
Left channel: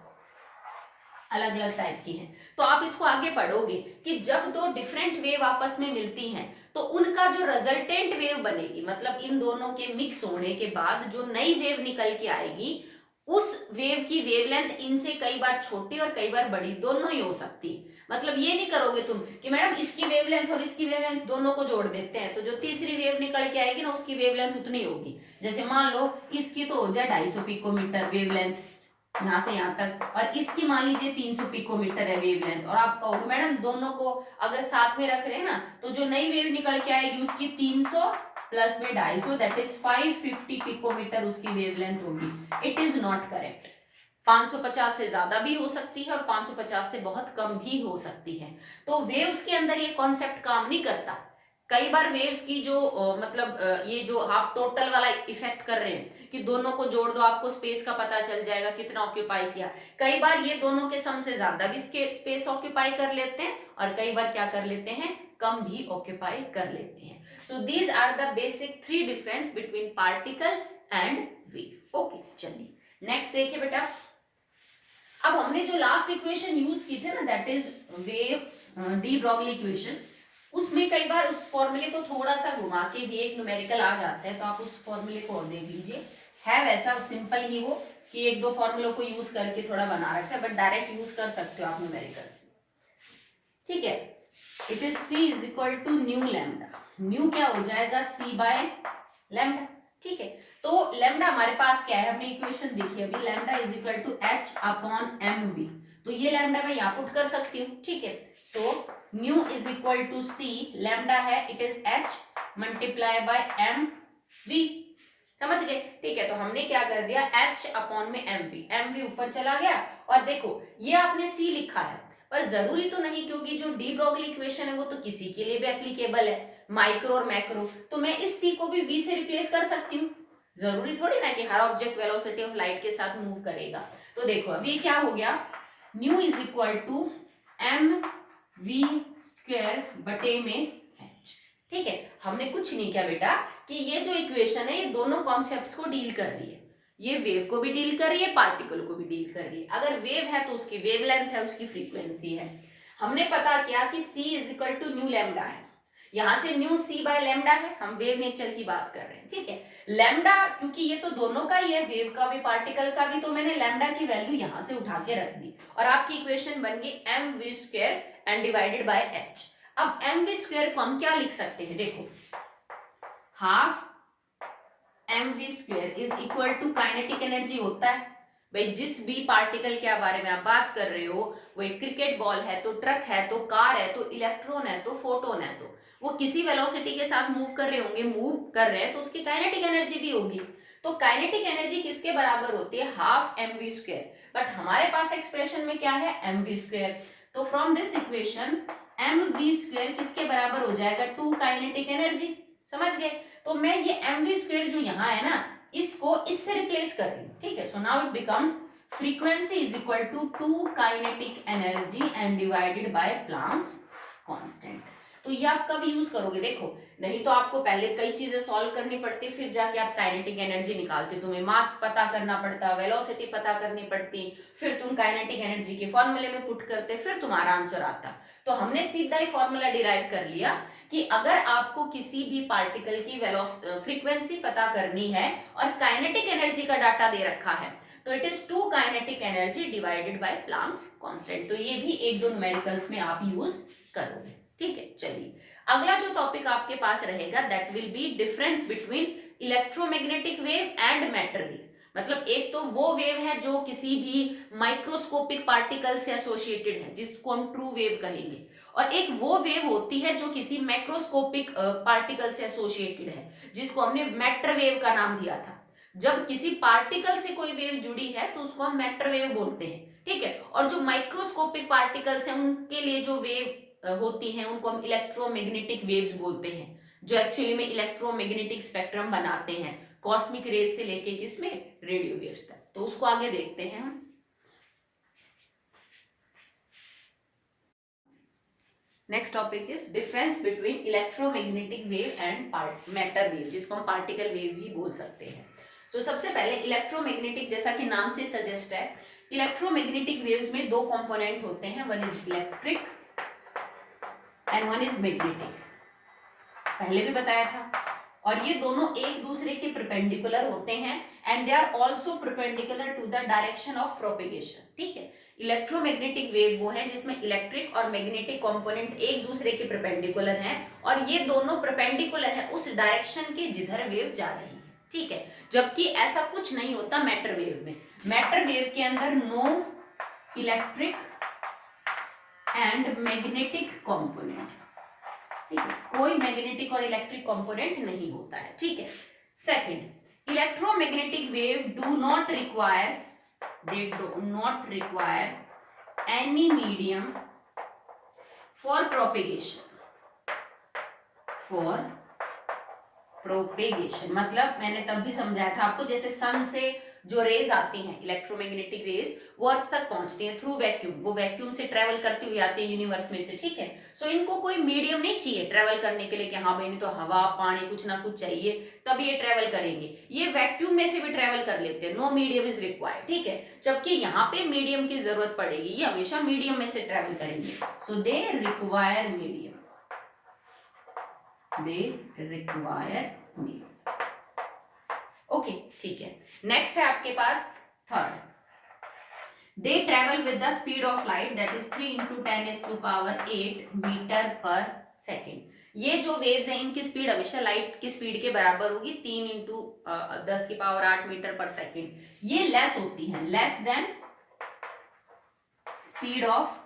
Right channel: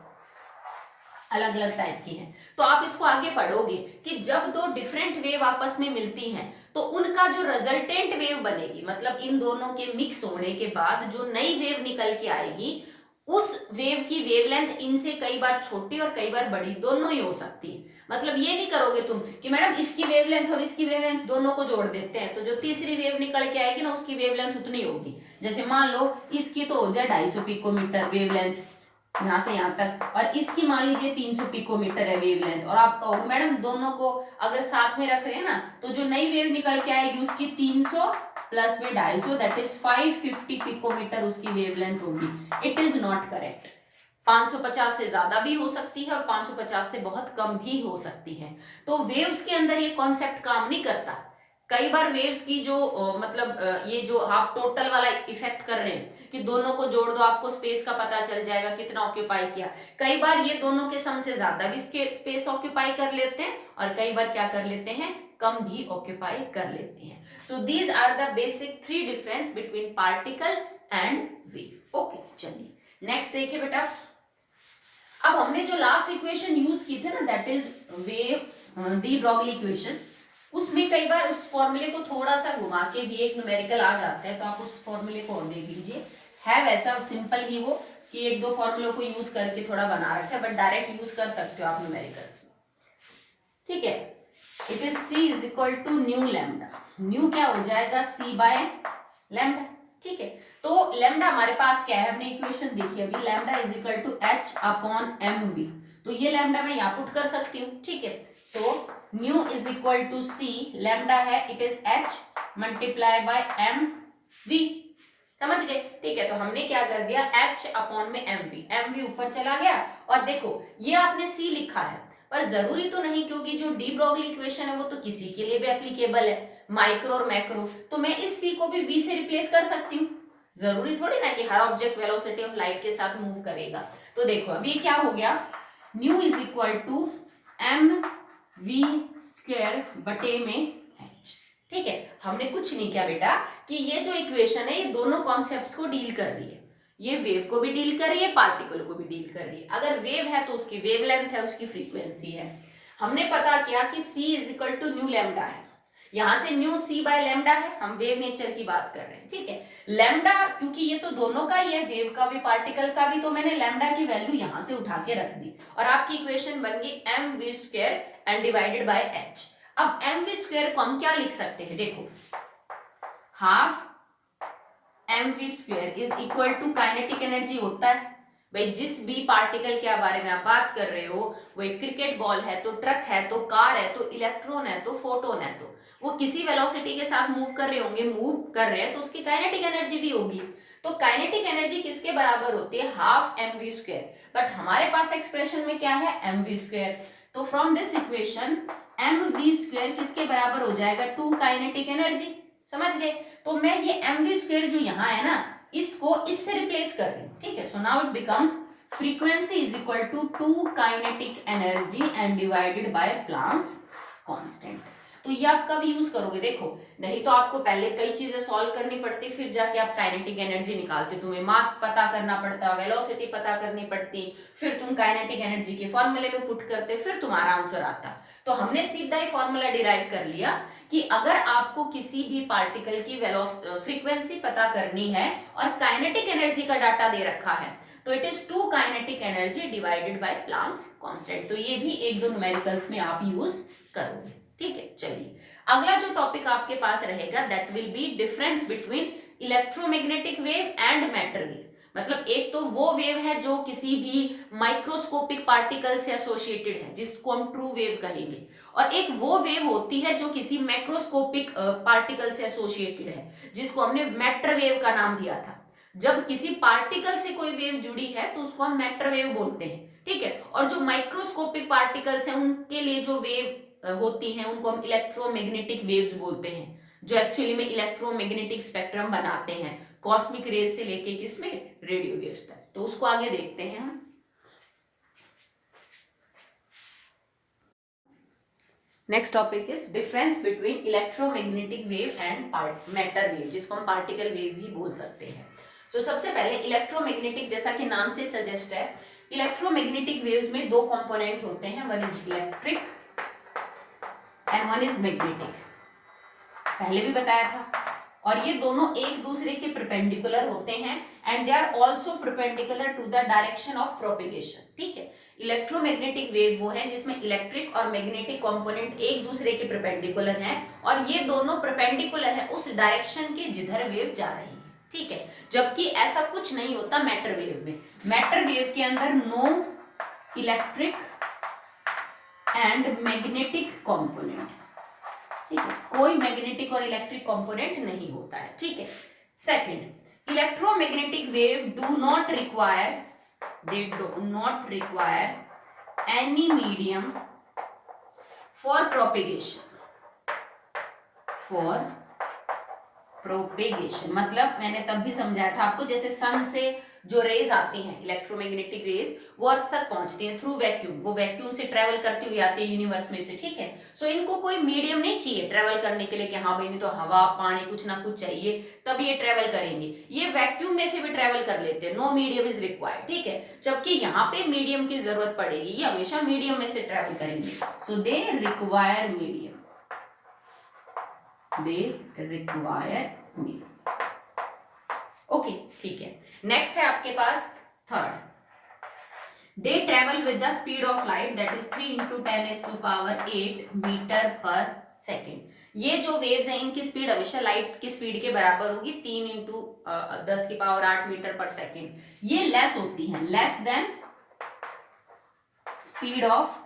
अलग अलग टाइप की हैं, तो आप इसको आगे पढ़ोगे कि जब दो डिफरेंट वेव आपस में मिलती हैं तो उनका जो रिजल्टेंट वेव बनेगी, मतलब इन दोनों के मिक्स होने के बाद जो नई वेव निकल के आएगी, उस वेव की वेवलेंथ इनसे कई बार छोटी और कई बार बड़ी दोनों ही हो सकती है। मतलब ये नहीं करोगे तुम कि मैडम इसकी वेवलेंथ और इसकी वेवलेंथ दोनों को जोड़ देते हैं तो जो तीसरी वेव निकल के आएगी ना उसकी वेवलेंथ उतनी होगी। जैसे मान लो इसकी तो हो जाए 250 पिकोमीटर वेवलेंथ यहाँ से यहाँ तक, और इसकी मान लीजिए 300 पिकोमीटर है वेवलेंथ, और आप कहोगे मैडम दोनों को अगर साथ में रख रहे हैं ना तो जो नई वेव निकल के आएगी उसकी 300 प्लस में 250 दैट इज 550 पिकोमीटर उसकी वेवलेंथ होगी। It is not correct. 550 से ज्यादा भी हो सकती है और 550 से बहुत कम भी हो सकती है। तो वेव्स के अंदर ये कॉन्सेप्ट काम नहीं करता। कई बार वेव्स की जो मतलब ये जो आप टोटल वाला इफेक्ट कर रहे हैं कि दोनों को जोड़ दो आपको स्पेस का पता चल जाएगा कितना ऑक्यूपाई किया, कई बार ये दोनों के सम से ज्यादा भी स्पेस ऑक्यूपाई कर लेते हैं और कई बार क्या कर लेते हैं, कम भी ऑक्यूपाई कर लेते हैं। So these are the basic 3 difference between particle and wave. Okay, चलिए नेक्स्ट देखिए बेटा। अब हमने जो लास्ट इक्वेशन यूज की थी ना that is wave de Broglie equation, उसमें कई बार उस फॉर्मूले को थोड़ा सा घुमा के भी एक न्यूमेरिकल आ जाता है, तो आप उस फॉर्मूले को और देख लीजिए। है वैसा सिंपल ही वो कि एक दो फॉर्मूलों को यूज करके थोड़ा बना रखा है, बट डायरेक्ट यूज कर सकते हो आप न्यूमेरिकल्स में। ठीक है, it is c is equal to nu lambda. Nu क्या हो जाएगा, c बाय लैम्डा। ठीक है, तो लैम्डा हमारे पास क्या है, हमने इक्वेशन देखी अभी, lambda is equal to h upon mv। तो ये लैम्डा मैं यहाँ पुट कर सकती हूँ। ठीक है, so nu is equal to c, lambda है it is h multiply by mv। समझ गए? ठीक है, तो हमने क्या कर दिया, h अपॉन में mv ऊपर चला गया, और देखो ये आपने c लिखा है पर जरूरी तो नहीं, क्योंकि जो डी ब्रॉगली इक्वेशन है वो तो किसी के लिए भी एप्लीकेबल है, माइक्रो और मैक्रो, तो मैं इस c को भी v से रिप्लेस कर सकती हूँ। जरूरी थोड़ी ना कि हर ऑब्जेक्ट वेलोसिटी ऑफ लाइट के साथ मूव करेगा। तो देखो अभी क्या हो गया, nu is equal to m v square बटे में h। ठीक है, हमने कुछ नहीं किया बेटा कि ये जो इक्वेशन है ये दोनों कॉन्सेप्ट्स को डील कर रही है, ये वेव को भी डील कर रही है, पार्टिकल को भी डील कर रही है। अगर वेव है तो उसकी वेवलेंथ है, उसकी फ्रीक्वेंसी है। हमने पता किया कि c is equal to nu lambda है, यहां से न्यू c बाय लैम्डा है, हम वेव नेचर की बात कर रहे हैं। ठीक है, लैम्डा क्योंकि ये तो दोनों का ही है, वेव का भी पार्टिकल का भी, तो मैंने लैम्डा की वैल्यू यहां से उठा के रख दी और आपकी इक्वेशन बन गई m v square and divided by h. अब एम वी स्क्वायर को हम क्या लिख सकते हैं, देखो half m v square is equal to kinetic energy होता है भाई, जिस भी पार्टिकल के बारे में आप बात कर रहे हो, वो एक क्रिकेट बॉल है तो ट्रक है तो कार है तो इलेक्ट्रॉन है तो फोटोन है, तो वो किसी वेलोसिटी के साथ मूव कर रहे होंगे, मूव कर रहे हैं तो उसकी काइनेटिक एनर्जी भी होगी। तो काइनेटिक एनर्जी किसके बराबर होती है, half m v square, but हमारे पास एक्सप्रेशन में क्या है, एम वी स्क्वायर। तो from this equation m v square किसके बराबर हो जाएगा, 2 काइनेटिक एनर्जी। समझ गए? तो मैं ये एम वी स्क्वायर जो यहाँ है ना, इसको इससे रिप्लेस कर रही हूँ। ठीक है, so now it becomes frequency is equal to 2 kinetic energy and divided by Planck's constant. तो ये आप कब यूज करोगे, देखो नहीं तो आपको पहले कई चीजें सॉल्व करनी पड़ती, फिर जाके आप काइनेटिक एनर्जी निकालते, तुम्हें मास पता करना पड़ता, वेलोसिटी पता करनी पड़ती, फिर तुम काइनेटिक एनर्जी के फॉर्मूले में पुट करते, फिर तुम्हारा आंसर आता। तो हमने सीधा ही फॉर्मूला डिराइव कर लिया कि अगर आपको किसी भी पार्टिकल की फ्रीक्वेंसी पता करनी है और काइनेटिक एनर्जी का डाटा दे रखा है तो it is 2 kinetic energy divided by Planck's constant. तो ये भी एक दो न्यूमेरिकल्स में आप यूज करोगे। ठीक है, चलिए अगला जो टॉपिक आपके पास रहेगा that will be difference between electromagnetic wave and matter wave. मतलब एक तो वो वेव है जो किसी भी माइक्रोस्कोपिक पार्टिकल से एसोसिएटेड है जिसको हम ट्रू वेव कहेंगे, और एक वो वेव होती है जो किसी मैक्रोस्कोपिक पार्टिकल से एसोसिएटेड है जिसको हमने मैटर वेव का नाम दिया था। जब किसी पार्टिकल से कोई वेव जुड़ी है तो उसको हम मैटर वेव बोलते हैं। ठीक है, और जो माइक्रोस्कोपिक पार्टिकल्स हैं उनके लिए जो वेव होती हैं उनको हम इलेक्ट्रोमैग्नेटिक वेव्स बोलते हैं। जो एक्चुअली में इलेक्ट्रोमैग्नेटिक स्पेक्ट्रम बनाते हैं, कॉस्मिक रेज से लेके किसमें, रेडियो वेव्स तक। तो उसको आगे देखते हैं हम। Next topic is difference between electromagnetic wave and matter wave, जिसको हम पार्टिकल वेव भी बोल सकते हैं। तो सबसे पहले इलेक्ट्रोमैग्नेटिक, जैसा कि नाम से सजेस्ट है, इलेक्ट्रोमैग्नेटिक वेव्स में दो कंपोनेंट होते हैं, one is electric and one is magnetic, पहले भी बताया था। और ये दोनों एक दूसरे के परपेंडिकुलर होते हैं and they are also perpendicular to the direction of propagation. ठीक है, इलेक्ट्रोमैग्नेटिक वेव वो है जिसमें इलेक्ट्रिक और मैग्नेटिक कंपोनेंट एक दूसरे के परपेंडिकुलर हैं और ये दोनों परपेंडिकुलर है उस डायरेक्शन के जिधर वेव जा रही है। ठीक है, जबकि ऐसा कुछ नहीं होता मैटर वेव में। मैटर वेव के अंदर no electric and magnetic component, ठीक है, कोई मैग्नेटिक और इलेक्ट्रिक कंपोनेंट नहीं होता है। ठीक है, second, electromagnetic wave do not require, they do not require any medium for propagation, मतलब मैंने तब भी समझाया था आपको, जैसे सन से जो रेज आती हैं इलेक्ट्रोमैग्नेटिक रेज, वो अर्थ तक पहुंचती हैं थ्रू वैक्यूम, वो वैक्यूम से ट्रेवल करती हुई आती है यूनिवर्स में से। ठीक है, सो इनको कोई मीडियम नहीं चाहिए ट्रेवल करने के लिए कि हाँ भाई नहीं तो हवा पानी कुछ ना कुछ चाहिए तब ये ट्रेवल करेंगे, ये वैक्यूम में से भी ट्रेवल कर लेते हैं, नो मीडियम इज रिक्वायर्ड। ठीक है, जबकि यहाँ पे मीडियम की जरूरत पड़ेगी, ये हमेशा मीडियम में से ट्रेवल करेंगे, so they require medium, they require medium. Okay, ठीक है, नेक्स्ट है आपके पास third, they travel with the speed of light that is 3 × 10⁸ metre per second. ये जो वेव्स हैं इनकी स्पीड हमेशा लाइट की स्पीड के बराबर होगी, 3 × 10⁸ मीटर पर सेकेंड। ये लेस होती हैं, less than speed of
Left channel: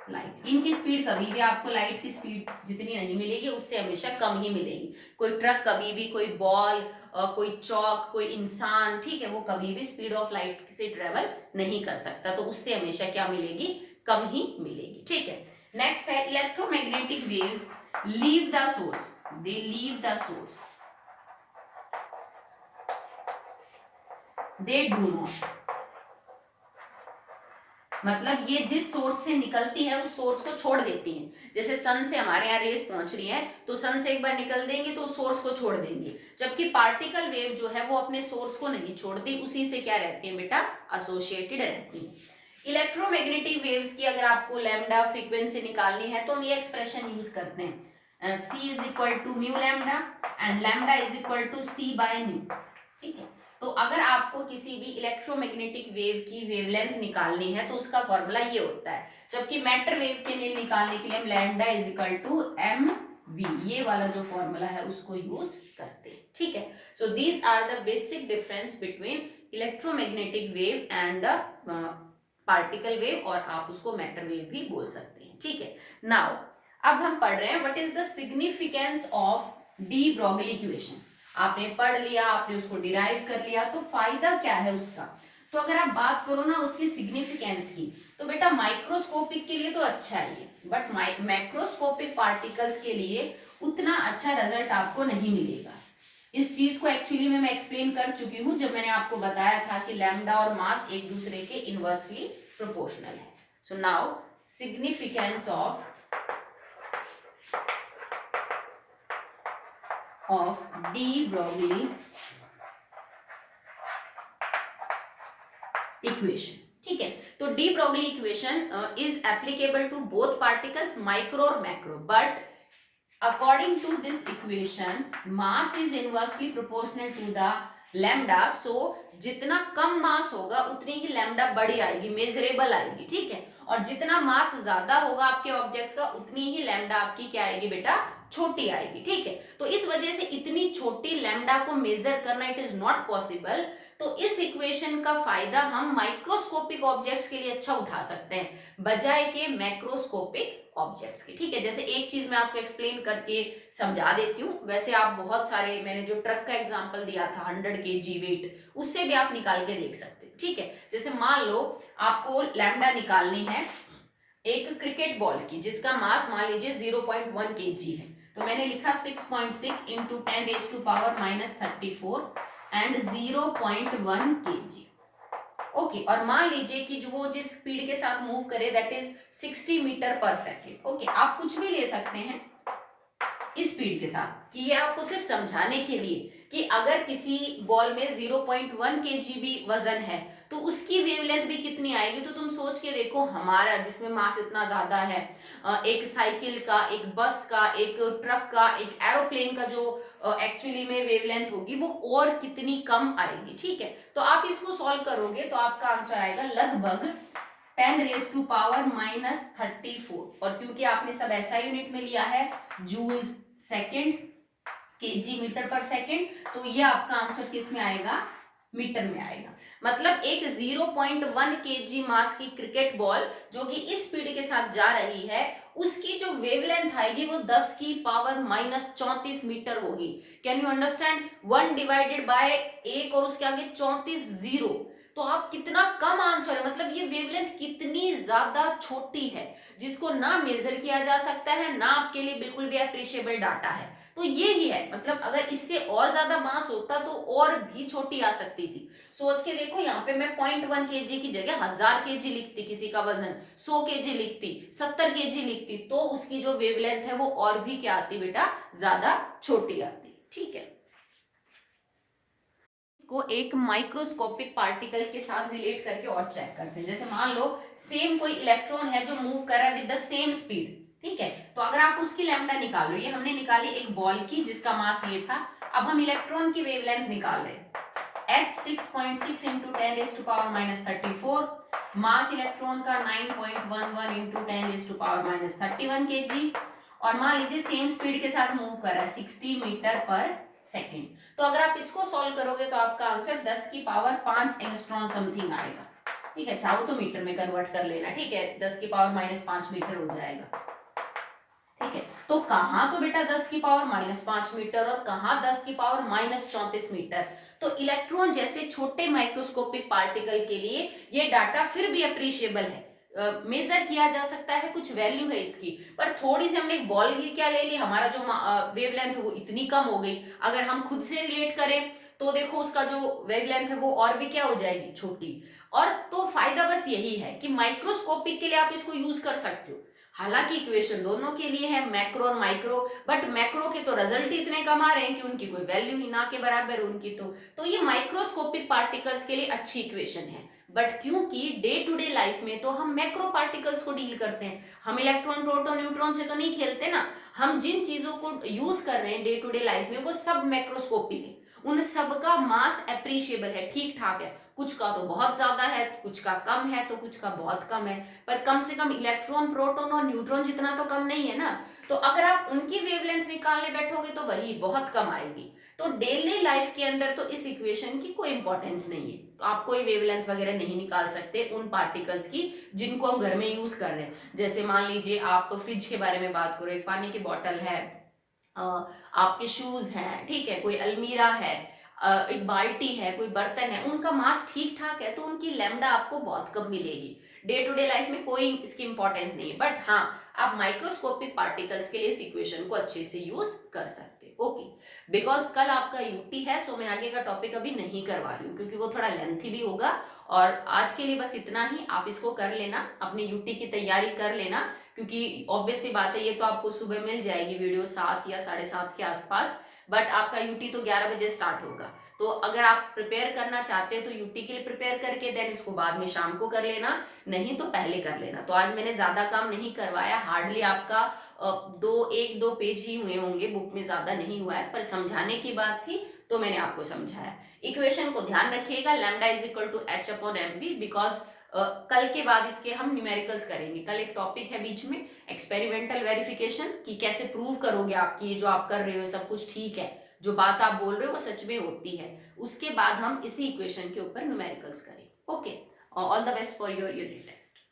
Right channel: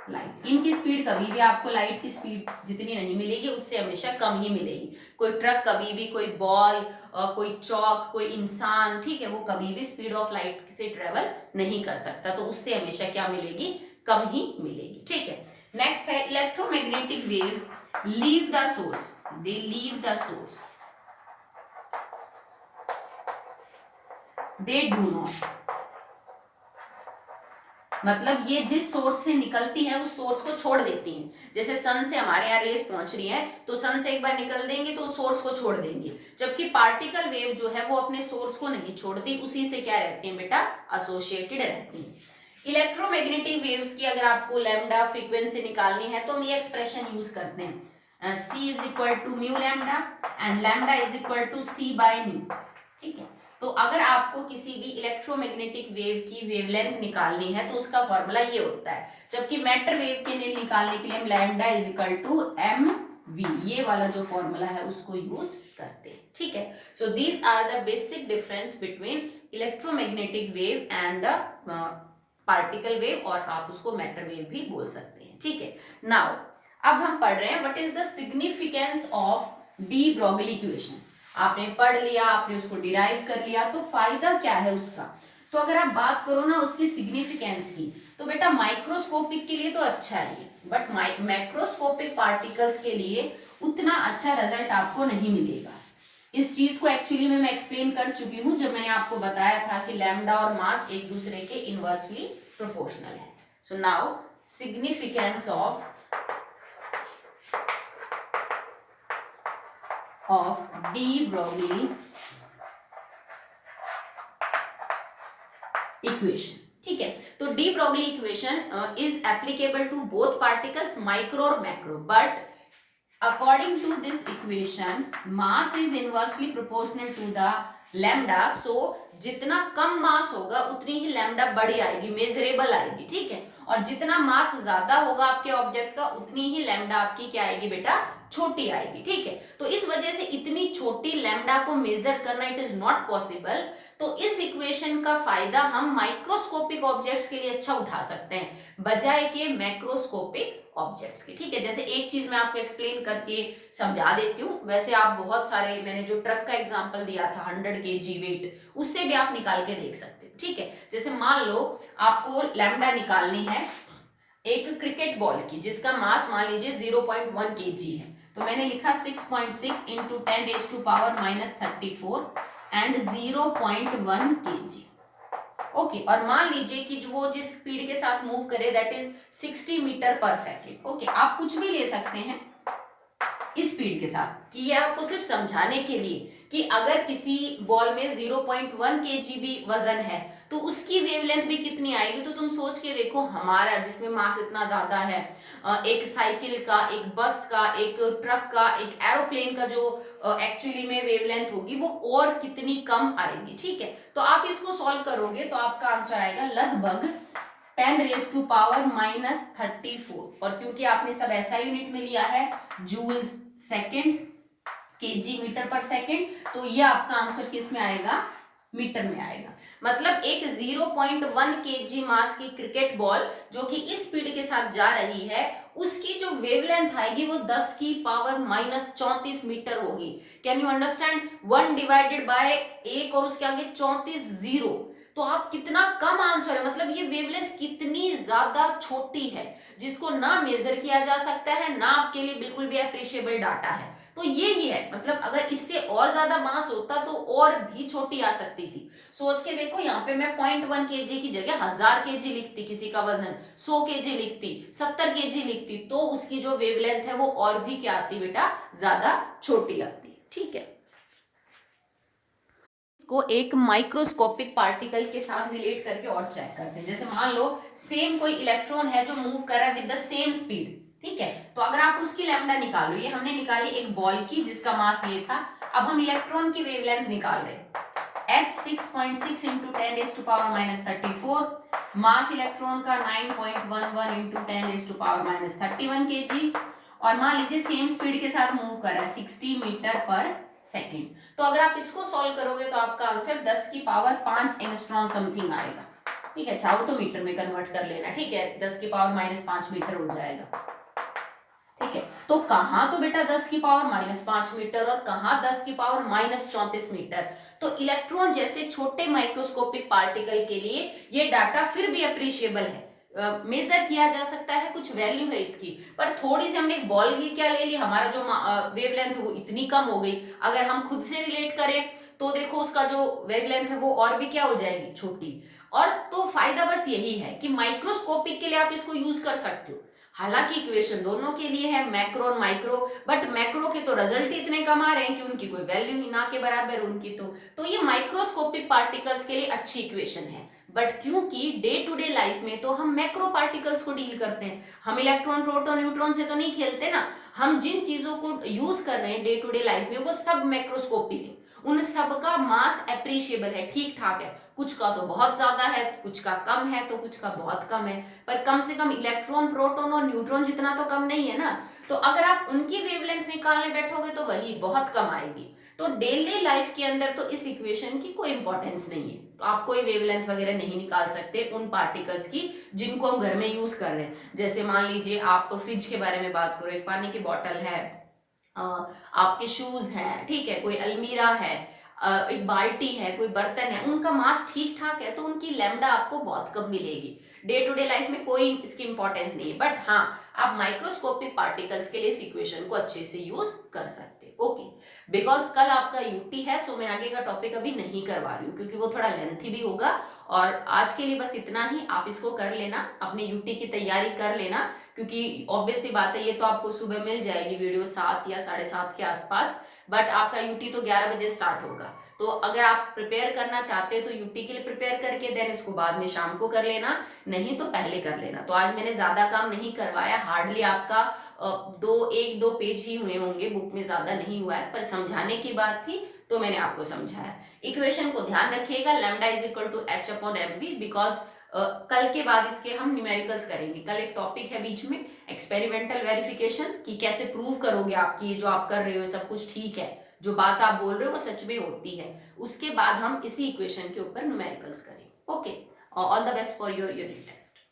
light. इनकी स्पीड कभी भी आपको लाइट की स्पीड जितनी नहीं मिलेगी उससे हमेशा कम ही मिलेगी। कोई ट्रक कभी भी, कोई बॉल, कोई चौक, कोई इंसान, ठीक है, वो कभी भी स्पीड ऑफ लाइट से ट्रेवल नहीं कर सकता, तो उससे हमेशा क्या मिलेगी, कम ही मिलेगी। ठीक है, नेक्स्ट है electromagnetic waves leave the source, they leave the source, they do not, मतलब ये जिस सोर्स से निकलती है उस सोर्स को छोड़ देती हैं। जैसे सन से हमारे यहाँ रेस पहुंच रही है तो सन से एक बार निकल देंगे तो उस सोर्स को छोड़ देंगे, जबकि पार्टिकल वेव जो है वो अपने सोर्स को नहीं छोड़ती, उसी से क्या रहती है बेटा, एसोसिएटेड रहती है। इलेक्ट्रोमैग्नेटिक वेव्स की अगर आपको लैम्डा फ्रीक्वेंसी निकालनी है तो हम ये एक्सप्रेशन यूज करते हैं, C = mu lambda and lambda = C/μ। ठीक है, तो अगर आपको किसी भी इलेक्ट्रोमैग्नेटिक वेव की वेवलेंथ निकालनी है तो उसका फॉर्मूला ये होता है, जबकि मैटर वेव के लिए निकालने के लिए हम लैम्डा = mv, ये वाला जो फॉर्मूला है उसको यूज करते हैं। ठीक है, so these are the basic difference between electromagnetic wave and the particle wave, और आप उसको मैटर वेव भी बोल सकते हैं। ठीक है, नाउ अब हम पढ़ रहे हैं what is the significance of D Broglie equation. आपने पढ़ लिया, आपने उसको डिराइव कर लिया, तो फायदा क्या है उसका। तो अगर आप बात करो ना उसकी सिग्निफिकेंस की, तो बेटा माइक्रोस्कोपिक के लिए तो अच्छा है, बट मैक्रोस्कोपिक पार्टिकल्स के लिए उतना अच्छा रिजल्ट आपको नहीं मिलेगा। इस चीज को एक्चुअली में मैं एक्सप्लेन कर चुकी हूं जब मैंने आपको बताया था कि लैम्डा और मास एक दूसरे के इनवर्सली प्रोपोर्शनल है। So now significance of de Broglie equation. ठीक है, तो de Broglie equation is applicable to both particles micro और macro, but according to this equation mass is inversely proportional to the lambda, so जितना कम मास होगा उतनी ही lambda बड़ी आएगी, मेजरेबल आएगी। ठीक है, और जितना मास ज्यादा होगा आपके ऑब्जेक्ट का उतनी ही लैम्डा आपकी क्या आएगी बेटा, छोटी आएगी। ठीक है, तो इस वजह से इतनी छोटी लैम्डा को मेजर करना इट इज नॉट पॉसिबल। तो इस इक्वेशन का फायदा हम माइक्रोस्कोपिक ऑब्जेक्ट्स के लिए अच्छा उठा सकते हैं बजाय के मैक्रोस्कोपिक ऑब्जेक्ट्स के। ठीक है, जैसे एक चीज मैं आपको एक्सप्लेन करके समझा देती हूँ, वैसे आप बहुत सारे, मैंने जो ट्रक का एग्जांपल दिया था 100 kg वेट, उससे भी आप निकाल के देख सकते हो। ठीक है, जैसे मान लो आपको लैम्डा निकालनी है एक क्रिकेट बॉल की जिसका मास मान लीजिए 0.1 kg है, तो मैंने लिखा 6.6 इंटू 10⁻⁻34 एंड 0.1 kg। ओके, और मान लीजिए कि जो वो जिस स्पीड के साथ मूव करे that is 60 metre per second. Okay, आप कुछ भी ले सकते हैं इस स्पीड के साथ, कि ये आपको सिर्फ समझाने के लिए कि अगर किसी बॉल में 0.1 kg भी वजन है तो उसकी वेवलेंथ भी कितनी आएगी। तो तुम सोच के देखो, हमारा जिसमें मास इतना ज्यादा है, एक साइकिल का, एक बस का, एक ट्रक का, एक एरोप्लेन का जो एक्चुअली में वेवलेंथ होगी वो और कितनी कम आएगी। ठीक है, तो आप इसको सॉल्व करोगे तो आपका आंसर आएगा लगभग 10⁻⁻34। और क्योंकि आपने सब ऐसा यूनिट में लिया है, joules second, KG metre per second, तो ये आपका आंसर किस में आएगा, मीटर में आएगा। मतलब एक 0.1 केजी मास की क्रिकेट बॉल जो कि इस स्पीड के साथ जा रही है, उसकी जो वेवलेंथ आएगी वो 10⁻⁻34 मीटर होगी। Can you understand, 1 divided by 1 और उसके आगे 34 जीरो, तो आप कितना कम आंसर है। मतलब ये वेवलेंथ कितनी ज्यादा छोटी है जिसको ना मेजर किया जा सकता है, ना आपके लिए बिल्कुल भी अप्रिशिएबल डाटा है। तो ये ही है, मतलब अगर इससे और ज्यादा मास होता तो और भी छोटी आ सकती थी। सोच के देखो, यहाँ पे मैं 0.1 kg की जगह 1000 kg लिखती, किसी का वजन 100 kg लिखती, 70 kg लिखती, तो उसकी जो वेवलेंथ है वो और भी क्या आती बेटा, ज्यादा छोटी आती। ठीक है, को एक माइक्रोस्कोपिक पार्टिकल के साथ रिलेट करके और चेक करते हैं। जैसे मान लो सेम कोई इलेक्ट्रॉन है जो मूव कर रहा है विद द सेम स्पीड। ठीक है, तो अगर आप उसकी लैम्डा निकालो, ये हमने निकाली एक बॉल की जिसका मास ये था, अब हम इलेक्ट्रॉन की वेवलेंथ निकाल रहे हैं। h 6.6 इंटू 10⁻⁻34, मास इलेक्ट्रॉन का 9.11 इंटू 10⁻⁻31 kg, और मान लीजिए सेम स्पीड के साथ मूव कर रहा है 60 मीटर पर सेकेंड। तो अगर आप इसको सॉल्व करोगे तो आपका आंसर 10⁵ एंगस्ट्रॉम समथिंग आएगा। ठीक है, चाहो तो मीटर में कन्वर्ट कर लेना। ठीक है, 10⁻⁻5 मीटर हो जाएगा। ठीक है, तो कहां तो बेटा 10⁻⁻5 मीटर और कहां 10⁻⁻34 मीटर। तो इलेक्ट्रॉन जैसे छोटे माइक्रोस्कोपिक पार्टिकल के लिए ये डाटा फिर भी अप्रिशिएबल है, मेजर किया जा सकता है, कुछ वैल्यू है इसकी। पर थोड़ी सी हमने एक बॉल की क्या ले ली, हमारा जो वेवलेंथ है वो इतनी कम हो गई। अगर हम खुद से रिलेट करें तो देखो उसका जो वेवलेंथ है वो और भी क्या हो जाएगी, छोटी। और तो फायदा बस यही है कि माइक्रोस्कोपिक के लिए आप इसको यूज कर सकते हो। हालांकि इक्वेशन दोनों के लिए है, मैक्रो और माइक्रो, बट मैक्रो के तो रिजल्ट ही इतने कम आ रहे हैं कि उनकी कोई वैल्यू ही ना के बराबर उनकी। तो ये माइक्रोस्कोपिक पार्टिकल्स के लिए अच्छी इक्वेशन है। बट क्योंकि डे टू डे लाइफ में तो हम मैक्रो पार्टिकल्स को डील करते हैं, हम इलेक्ट्रॉन प्रोटॉन न्यूट्रॉन से तो नहीं खेलते ना। हम जिन चीजों को यूज कर रहे हैं डे टू डे लाइफ में वो सब मैक्रोस्कोपिक है, उन सब का मास एप्रिशिएबल है, ठीक ठाक है। कुछ का तो बहुत ज्यादा है, कुछ का कम है, तो कुछ का बहुत कम है, पर कम से कम इलेक्ट्रॉन प्रोटॉन और न्यूट्रॉन जितना तो कम नहीं है ना। तो अगर आप उनकी वेवलेंथ निकालने बैठोगे तो वही बहुत कम आएगी। तो डेली लाइफ के अंदर तो इस इक्वेशन की कोई इंपॉर्टेंस नहीं है, तो आप कोई वेवलेंथ वगैरह नहीं निकाल सकते उन पार्टिकल्स की जिनको हम घर में यूज कर रहे हैं। जैसे मान लीजिए आप तो फ्रिज के बारे में बात करो, एक पानी की बॉटल है, आपके शूज हैं, ठीक है, कोई अलमीरा है, एक बाल्टी है, कोई बर्तन है, उनका मास ठीक ठाक है तो उनकी लैम्डा आपको बहुत कम मिलेगी। डे टू डे लाइफ में कोई इसकी इंपॉर्टेंस नहीं है। बट हाँ, आप माइक्रोस्कोपिक पार्टिकल्स के लिए इस इक्वेशन को अच्छे से यूज कर सकते हो। ओके, बिकॉज कल आपका यूटी है, सो मैं आगे का टॉपिक अभी नहीं करवा रही हूँ क्योंकि वो थोड़ा लेंथी भी होगा। और आज के लिए बस इतना ही, आप इसको कर लेना, अपनी यूटी की तैयारी कर लेना, क्योंकि ऑब्वियस सी बात है ये तो आपको सुबह मिल जाएगी वीडियो 7 या 7:30 के आसपास। बट आपका यूटी तो 11 बजे स्टार्ट होगा। तो अगर आप प्रिपेयर करना चाहते हैं तो यूटी के लिए प्रिपेयर करके देन इसको बाद में शाम को कर लेना, नहीं तो पहले कर लेना। तो आज मैंने ज्यादा काम नहीं करवाया, हार्डली आपका 1-2 पेज ही हुए होंगे, बुक में ज्यादा नहीं हुआ है, पर समझाने की बात थी तो मैंने आपको समझाया। इक्वेशन को ध्यान रखिएगा, lambda is equal to h upon mv, because कल के बाद इसके हम न्यूमेरिकल्स करेंगे। कल एक टॉपिक है बीच में, एक्सपेरिमेंटल वेरिफिकेशन, कि कैसे प्रूव करोगे आपकी जो आप कर रहे हो सब कुछ ठीक है, जो बात आप बोल रहे हो वो सच में होती है। उसके बाद हम इसी इक्वेशन के ऊपर न्यूमेरिकल्स करेंगे। Okay, all the best for your unit test.